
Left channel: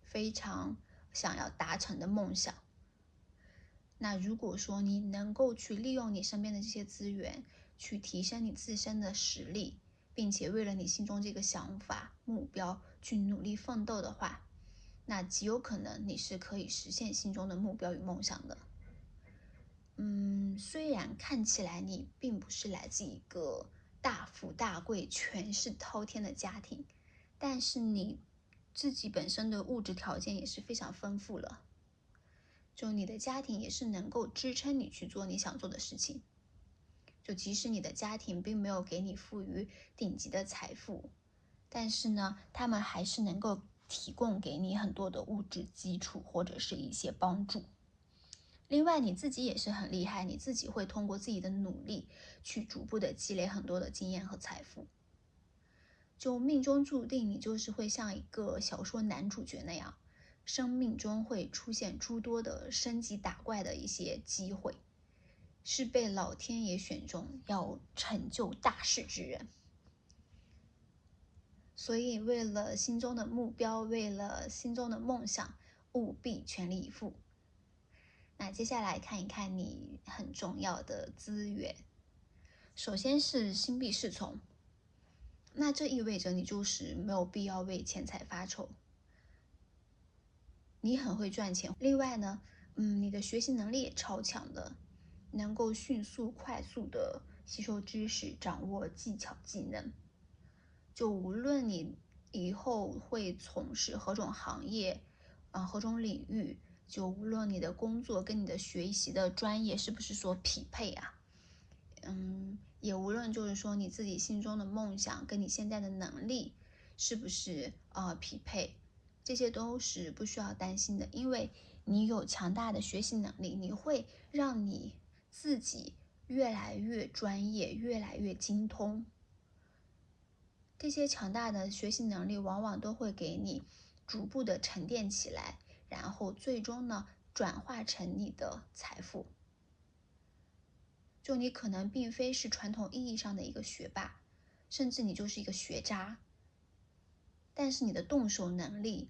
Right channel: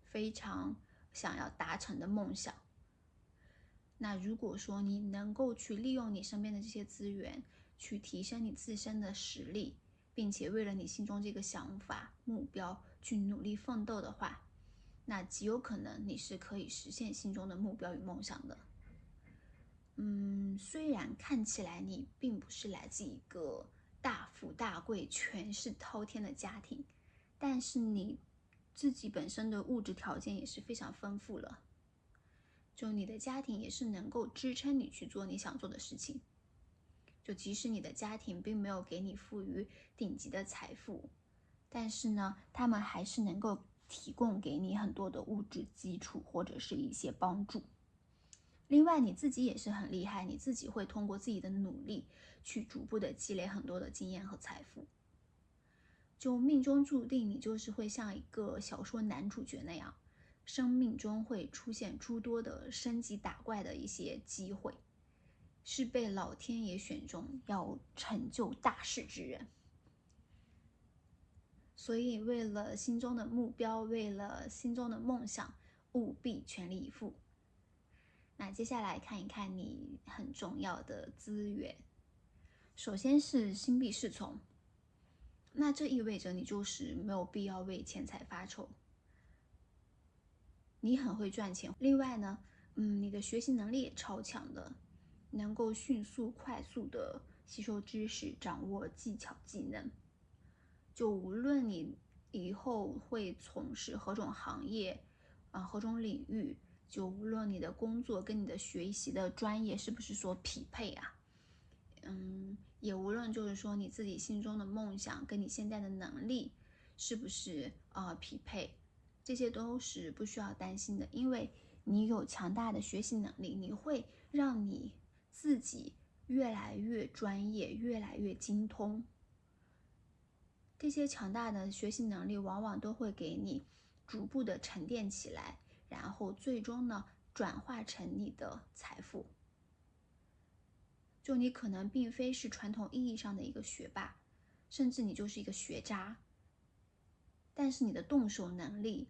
非常想要达成的梦想。那如果说你能够去利用你身边的这些资源，去提升你自身的实力，并且为了你心中这个想法、目标去努力奋斗的话，那极有可能你是可以实现心中的目标与梦想的。虽然看起来你并不是来自一个大富大贵、权势滔天的家庭，但是你自己本身的物质条件也是非常丰富了。就你的家庭也是能够支撑你去做你想做的事情。就即使你的家庭并没有给你赋予顶级的财富，但是呢，他们还是能够提供给你很多的物质基础或者是一些帮助。另外你自己也是很厉害，你自己会通过自己的努力去逐步的积累很多的经验和财富。就命中注定你就是会像一个小说男主角那样，生命中会出现诸多的升级打怪的一些机会，是被老天爷选中要成就大事之人。所以为了心中的目标，为了心中的梦想，务必全力以赴。那接下来看一看你很重要的资源。首先是心必侍从，那这意味着你就是没有必要为钱财发愁，你很会赚钱。另外呢，你的学习能力也超强的，能够迅速快速的吸收知识，掌握技巧技能。就无论你以后会从事何种行业何种领域，就无论你的工作跟你的学习的专业是不是说匹配啊，也无论就是说你自己心中的梦想跟你现在的能力是不是匹配，这些都是不需要担心的，因为你有强大的学习能力，你会让你自己越来越专业，越来越精通。这些强大的学习能力往往都会给你逐步的沉淀起来，然后最终呢转化成你的财富。就你可能并非是传统意义上的一个学霸，甚至你就是一个学渣，但是你的动手能力，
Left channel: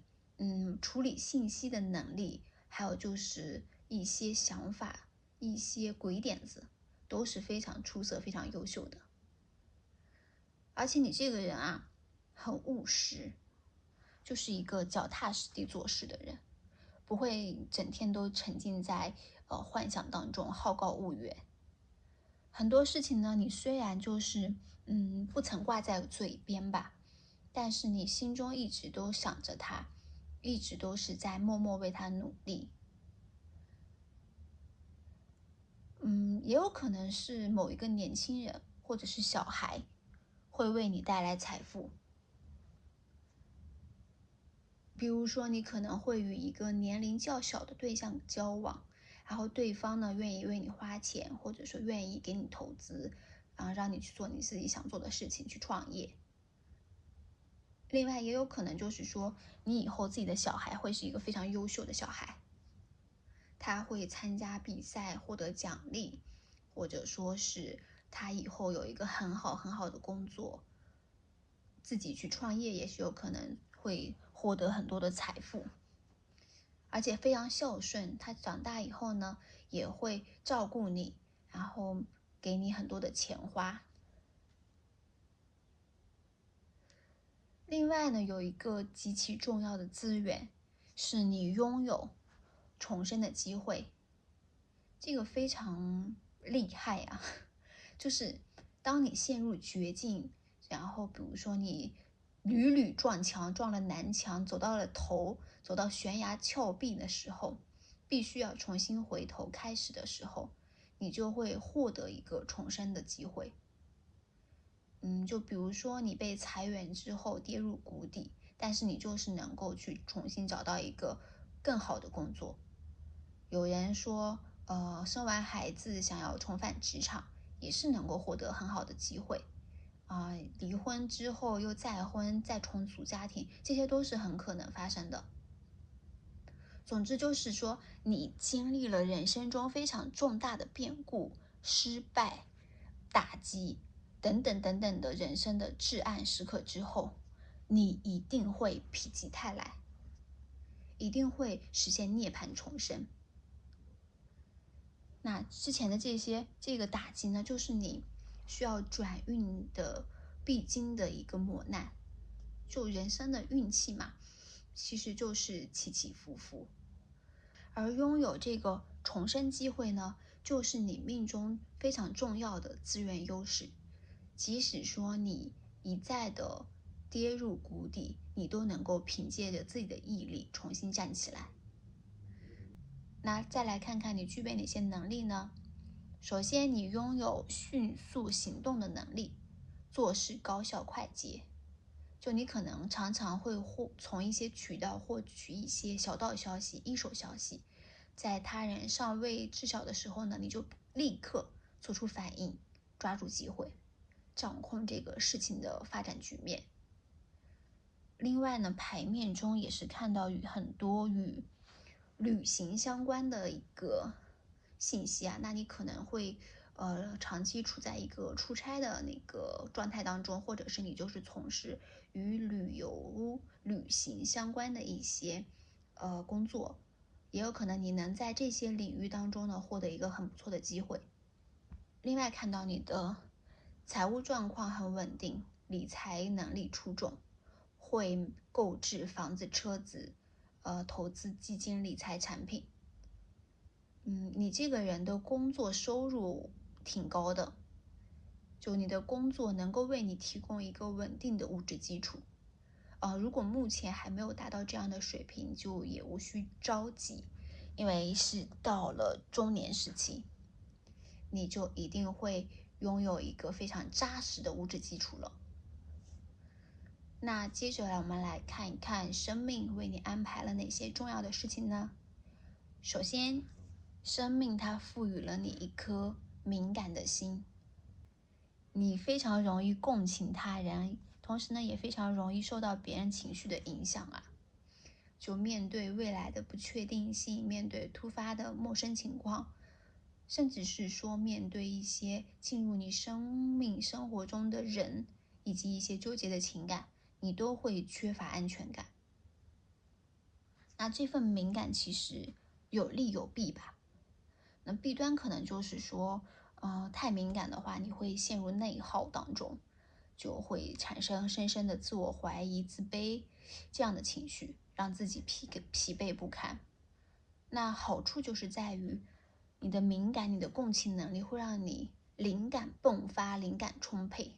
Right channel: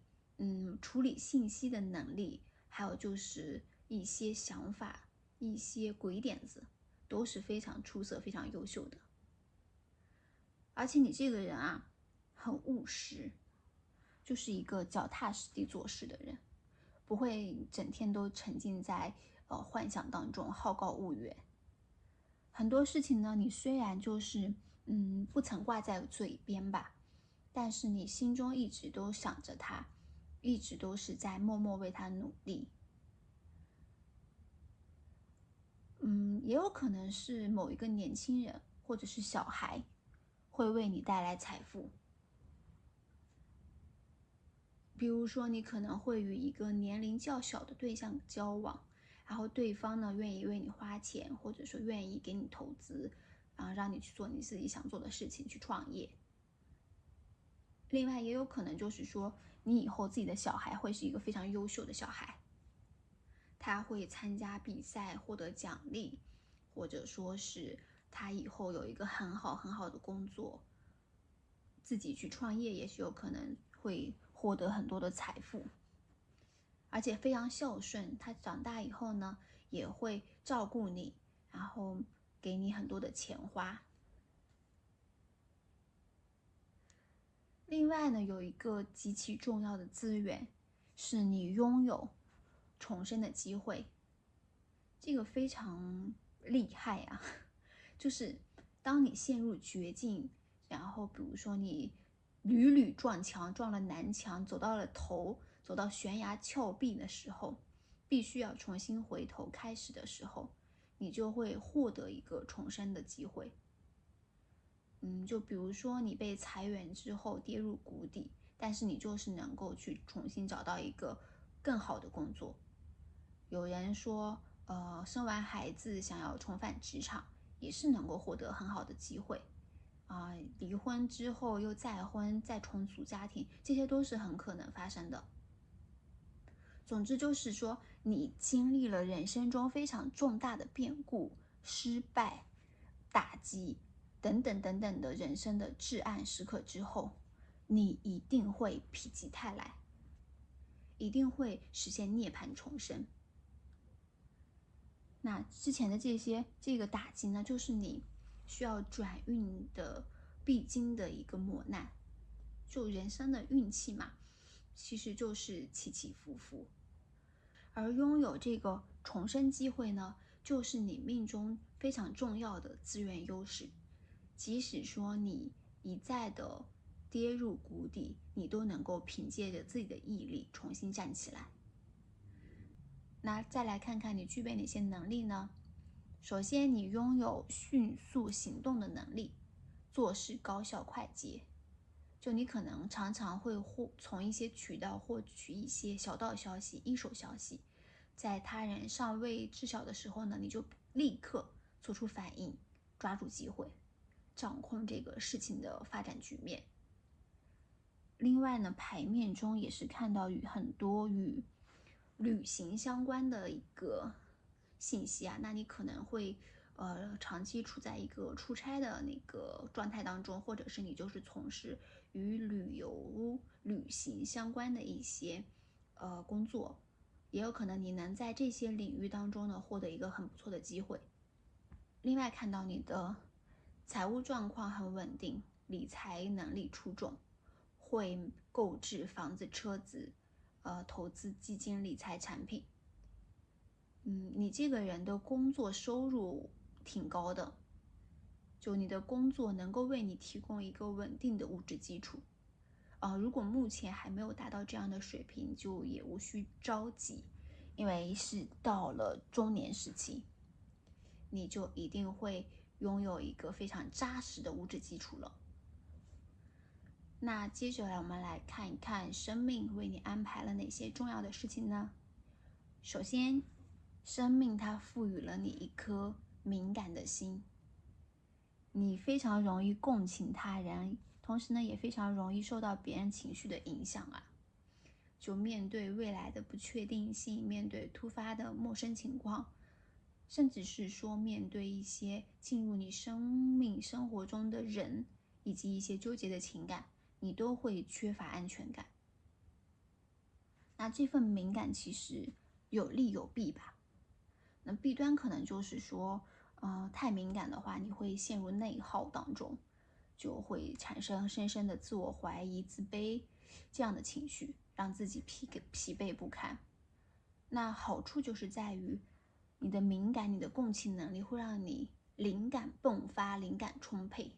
处理信息的能力，还有就是一些想法、一些鬼点子，都是非常出色、非常优秀的。而且你这个人啊，很务实，就是一个脚踏实地做事的人，不会整天都沉浸在幻想当中，好高骛远。很多事情呢，你虽然就是不曾挂在嘴边吧，但是你心中一直都想着他，一直都是在默默为他努力。也有可能是某一个年轻人或者是小孩会为你带来财富。比如说，你可能会与一个年龄较小的对象交往，然后对方呢愿意为你花钱，或者说愿意给你投资，然后让你去做你自己想做的事情，去创业。另外，也有可能就是说，你以后自己的小孩会是一个非常优秀的小孩，他会参加比赛获得奖励，或者说是他以后有一个很好的工作，自己去创业也是有可能会获得很多的财富，而且非常孝顺。他长大以后呢，也会照顾你，然后给你很多的钱花。另外呢，有一个极其重要的资源，是你拥有重生的机会。这个非常厉害啊！就是当你陷入绝境，然后比如说你屡屡撞墙，撞了南墙，走到了头，走到悬崖峭壁的时候，必须要重新回头开始的时候，你就会获得一个重生的机会。就比如说你被裁员之后跌入谷底，但是你就是能够去重新找到一个更好的工作。有人说，生完孩子想要重返职场，也是能够获得很好的机会。离婚之后又再婚，再重组家庭，这些都是很可能发生的。总之就是说，你经历了人生中非常重大的变故、失败、打击等等等等的人生的至暗时刻之后，你一定会否极泰来，一定会实现涅槃重生。那之前的这个打击呢，就是你需要转运的必经的一个磨难。就人生的运气嘛，其实就是起起伏伏。而拥有这个重生机会呢，就是你命中非常重要的资源优势。即使说你一再的跌入谷底，你都能够凭借着自己的毅力重新站起来。那再来看看你具备哪些能力呢？首先，你拥有迅速行动的能力，做事高效快捷。就你可能常常会从一些渠道获取一些小道消息、一手消息，在他人尚未知晓的时候呢，你就立刻做出反应，抓住机会，掌控这个事情的发展局面。另外呢，牌面中也是看到很多与旅行相关的一个信息啊，那你可能会长期处在一个出差的那个状态当中，或者是你就是从事与旅行相关的一些工作，也有可能你能在这些领域当中呢获得一个很不错的机会。另外看到你的财务状况很稳定，理财能力出众，会购置房子、车子，投资基金、理财产品。你这个人的工作收入挺高的，就你的工作能够为你提供一个稳定的物质基础。如果目前还没有达到这样的水平，就也无需着急，因为是到了中年时期，你就一定会拥有一个非常扎实的物质基础了。那接着我们来看一看生命为你安排了哪些重要的事情呢？首先，生命它赋予了你一颗敏感的心，你非常容易共情他人，同时呢也非常容易受到别人情绪的影响啊。就面对未来的不确定性，面对突发的陌生情况，甚至是说面对一些进入你生活中的人，以及一些纠结的情感，你都会缺乏安全感。那这份敏感其实有利有弊吧。那弊端可能就是说，太敏感的话，你会陷入内耗当中，就会产生深深的自我怀疑、自卑这样的情绪，让自己疲惫不堪。那好处就是在于，你的敏感、你的共情能力会让你灵感迸发、灵感充沛，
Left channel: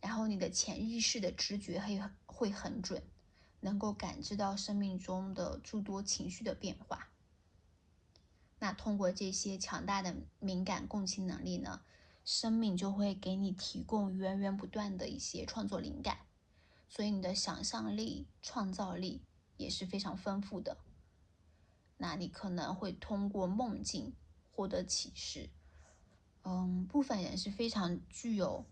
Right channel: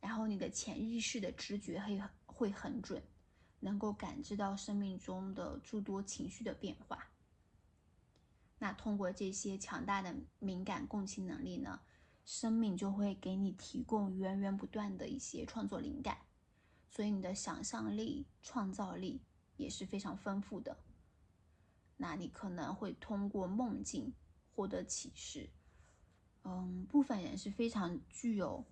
然后你的潜意识的直觉会很准，能够感知到生命中的诸多情绪的变化。那通过这些强大的敏感共情能力呢，生命就会给你提供源源不断的一些创作灵感，所以你的想象力、创造力也是非常丰富的。那你可能会通过梦境获得启示。部分人是非常具有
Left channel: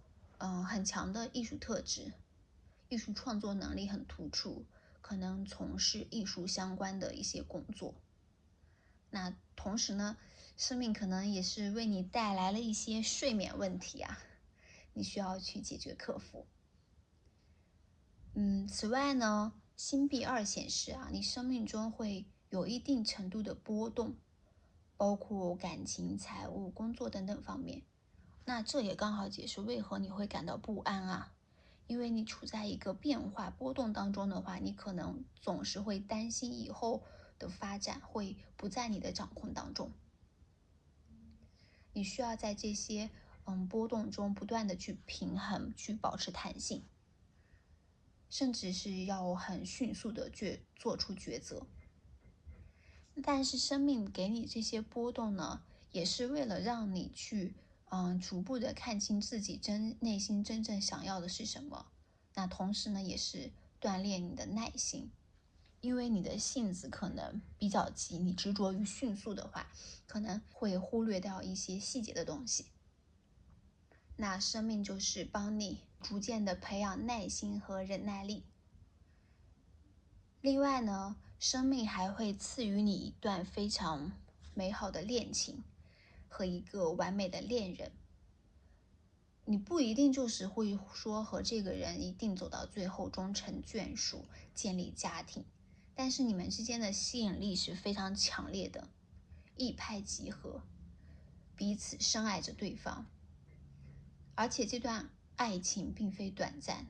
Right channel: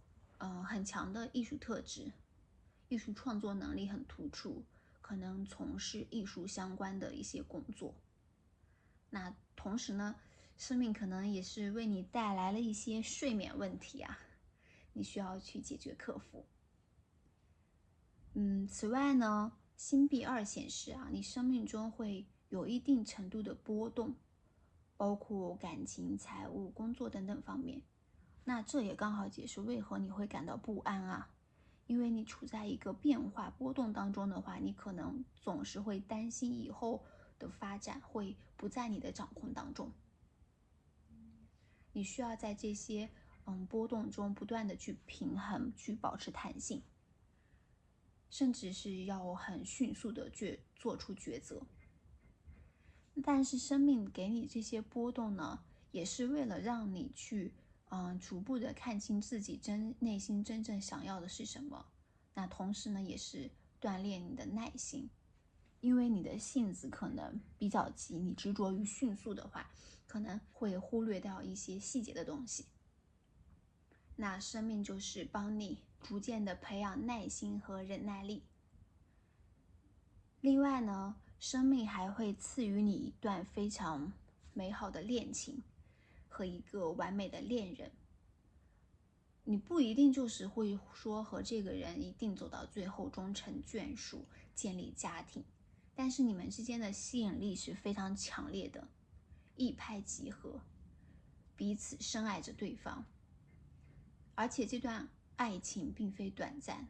很强的艺术特质，艺术创作能力很突出，可能从事艺术相关的一些工作。那同时呢，生命可能也是为你带来了一些睡眠问题啊，你需要去解决克服。此外呢，星币2显示啊，你生命中会有一定程度的波动，包括感情、财务、工作等等方面。那这也刚好解释为何你会感到不安啊，因为你处在一个变化波动当中的话，你可能总是会担心以后的发展会不在你的掌控当中。你需要在这些波动中不断的去平衡，去保持弹性，甚至是要很迅速的做出抉择。但是生命给你这些波动呢，也是为了让你去逐步的看清自己内心真正想要的是什么。那同时呢，也是锻炼你的耐心，因为你的性子可能比较急，你执着于迅速的话，可能会忽略掉一些细节的东西。那生命就是帮你逐渐的培养耐心和忍耐力。另外呢，生命还会赐予你一段非常美好的恋情和一个完美的恋人。你不一定就是会说和这个人一定走到最后终成眷属，建立家庭，但是你们之间的吸引力是非常强烈的，一拍即合，彼此深爱着对方。而且这段爱情并非短暂，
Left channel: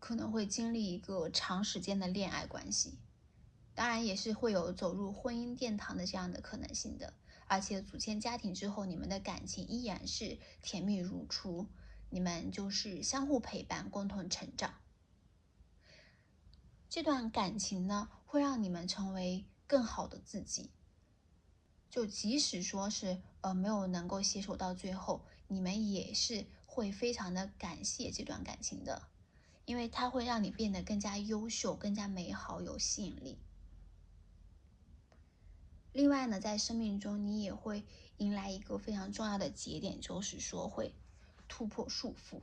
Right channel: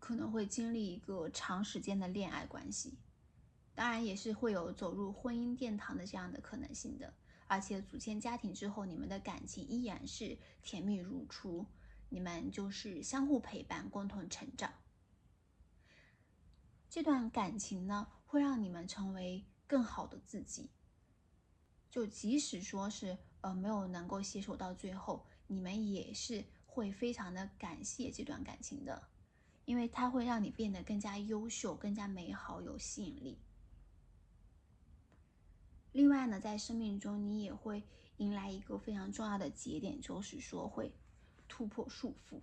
可能会经历一个长时间的恋爱关系，当然也是会有走入婚姻殿堂的这样的可能性的。而且组建家庭之后，你们的感情依然是甜蜜如初，你们就是相互陪伴，共同成长。这段感情呢，会让你们成为更好的自己。就即使说是没有能够携手到最后，你们也是会非常的感谢这段感情的，因为它会让你变得更加优秀，更加美好，有吸引力。另外呢，在生命中你也会迎来一个非常重要的节点，就是说会突破束缚。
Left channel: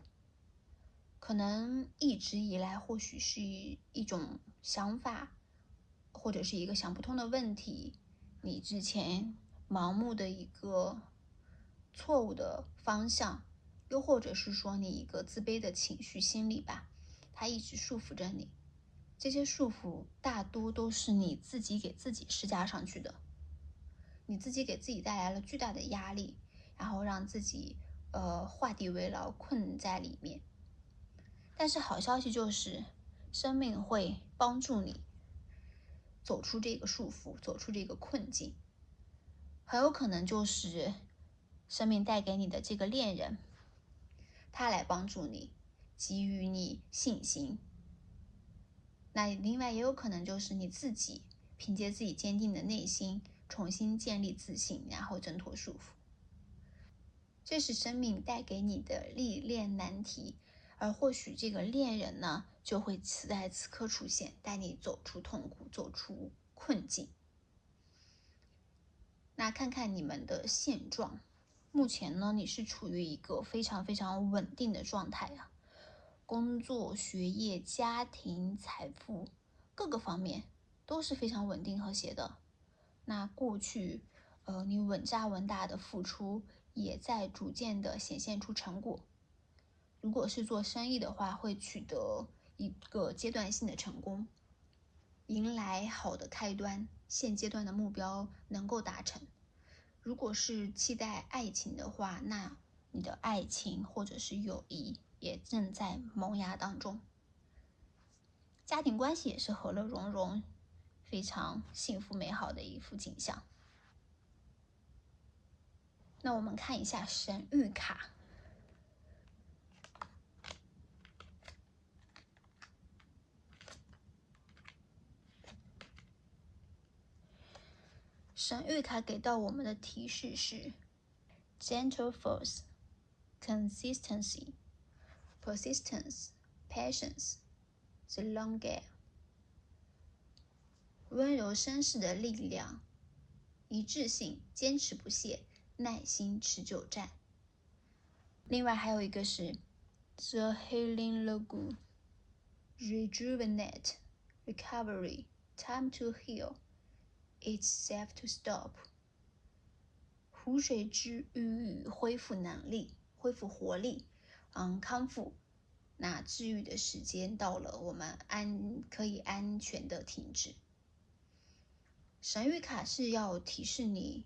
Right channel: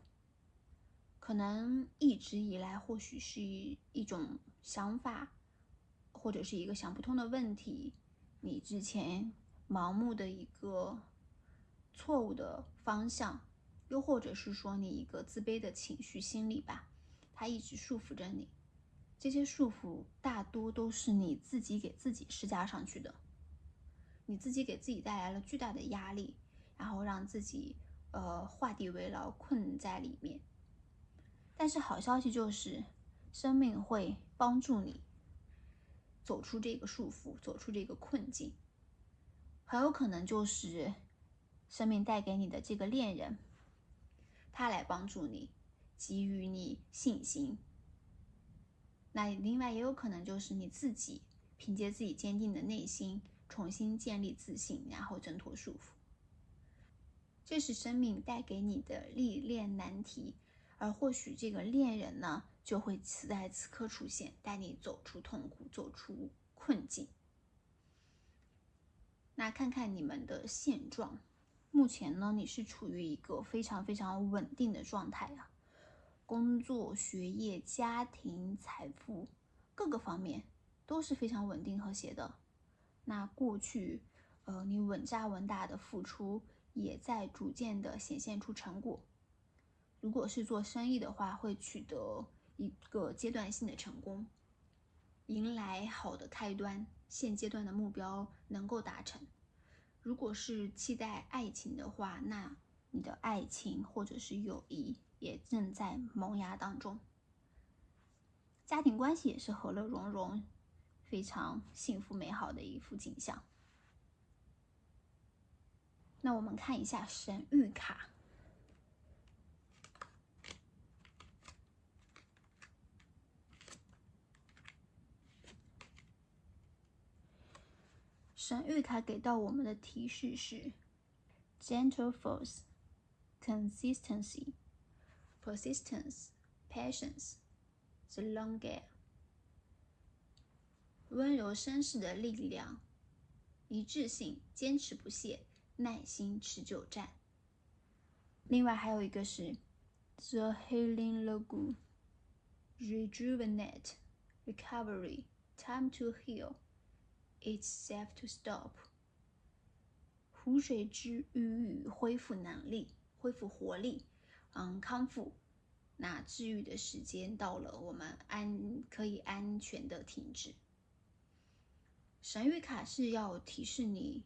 可能一直以来或许是一种想法，或者是一个想不通的问题，你之前盲目的一个错误的方向，又或者是说你一个自卑的情绪心理吧，它一直束缚着你。这些束缚大多都是你自己给自己施加上去的，你自己给自己带来了巨大的压力，然后让自己画地为牢，困在里面。但是好消息就是，生命会帮助你走出这个束缚，走出这个困境。很有可能就是生命带给你的这个恋人，他来帮助你，给予你信心。那另外也有可能就是你自己凭借自己坚定的内心，重新建立自信，然后挣脱束缚。这是生命带给你的历练难题，而或许这个恋人呢，就会此在此刻出现，带你走出痛苦，走出困境。那看看你们的现状，目前呢，你是处于一个非常非常稳定的状态啊，工作、学业、家庭、财富各个方面都是非常稳定和谐的。那过去你稳扎稳打的付出也在逐渐的显现出成果。如果是做生意的话，会取得一个阶段性的成功，迎来好的开端，现阶段的目标能够达成。如果是期待爱情的话，那你的爱情或者是友谊也正在萌芽当中。家庭关系也是和乐融融，非常幸福美好的一幅景象。那我们看一下神谕卡。神谕卡给到我们的提示是 gentle force, consistency, persistence, patience, the long game。温柔绅士的力量，一致性，坚持不懈，耐心，持久战。另外还有一个是 The Healing Lagoon, Rejuvenate, Recovery, Time to Heal, It's safe to stop。 湖水之愈，恢复能力，恢复活力，康复。那治愈的时间到了，我们可以安全的停止。神谕卡是要提示你，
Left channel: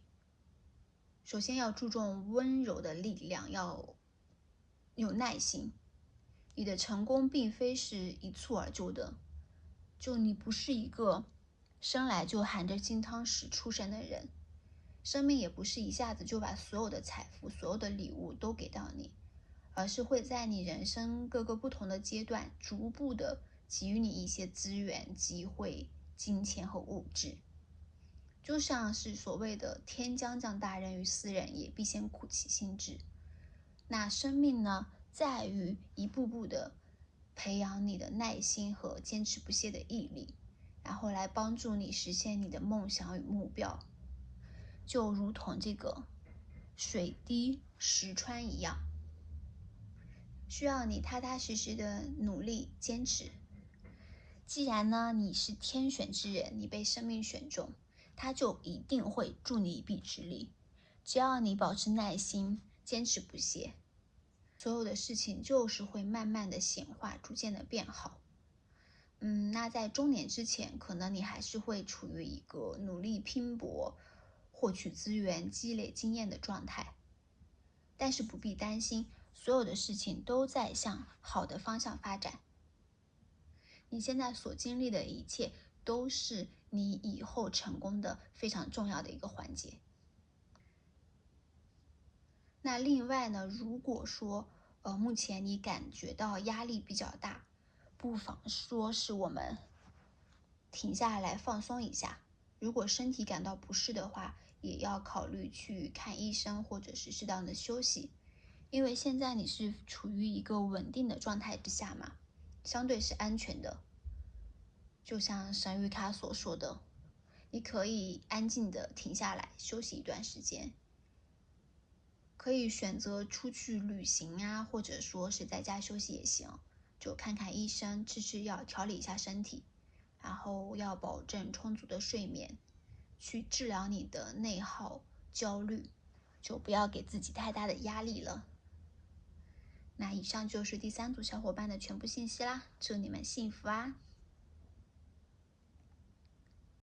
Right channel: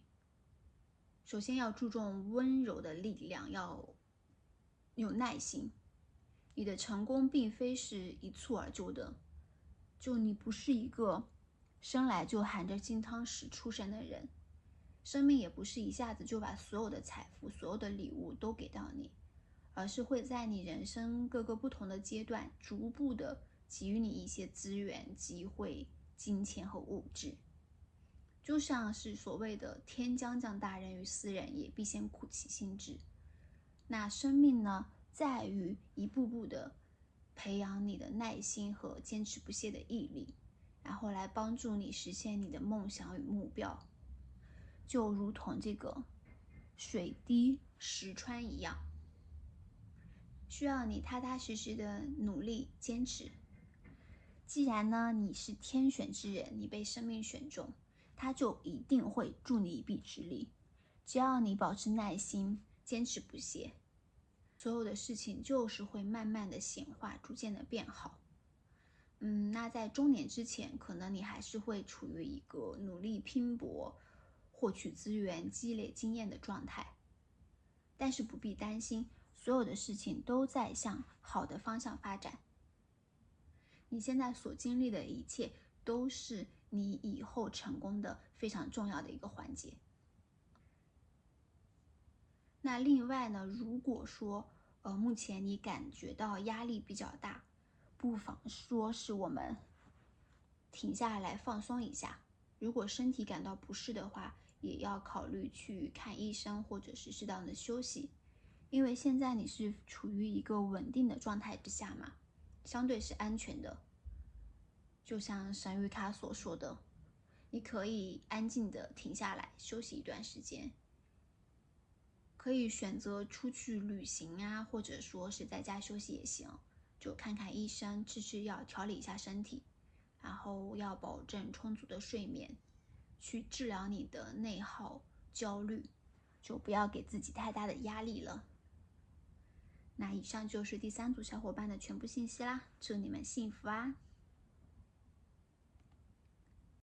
首先要注重温柔的力量，要有耐心。你的成功并非是一蹴而就的，就你不是一个生来就含着金汤匙出生的人，生命也不是一下子就把所有的财富、所有的礼物都给到你，而是会在你人生各个不同的阶段，逐步的给予你一些资源、机会、金钱和物质。就像是所谓的天将降大任于斯人也，必先苦其心志。那生命呢，在于一步步的培养你的耐心和坚持不懈的毅力，然后来帮助你实现你的梦想与目标。就如同这个水滴石穿一样，需要你踏踏实实的努力坚持。既然呢你是天选之人，你被生命选中，他就一定会助你一臂之力。只要你保持耐心，坚持不懈，所有的事情就是会慢慢的显化，逐渐的变好。那在中年之前，可能你还是会处于一个努力拼搏、获取资源、积累经验的状态。但是不必担心，所有的事情都在向好的方向发展。你现在所经历的一切，都是你以后成功的非常重要的一个环节。那另外呢，如果说目前你感觉到压力比较大，不妨说是我们停下来放松一下。如果身体感到不适的话，也要考虑去看医生，或者是适当的休息。因为现在你是处于一个稳定的状态之下嘛，相对是安全的。就像神谕卡所说的，你可以安静的停下来休息一段时间，可以选择出去旅行啊，或者说是在家休息也行，就看看医生，吃吃药，调理一下身体，然后要保证充足的睡眠，去治疗你的内耗、焦虑，就不要给自己太大的压力了。那以上就是第3组小伙伴的全部信息啦，祝你们幸福啊！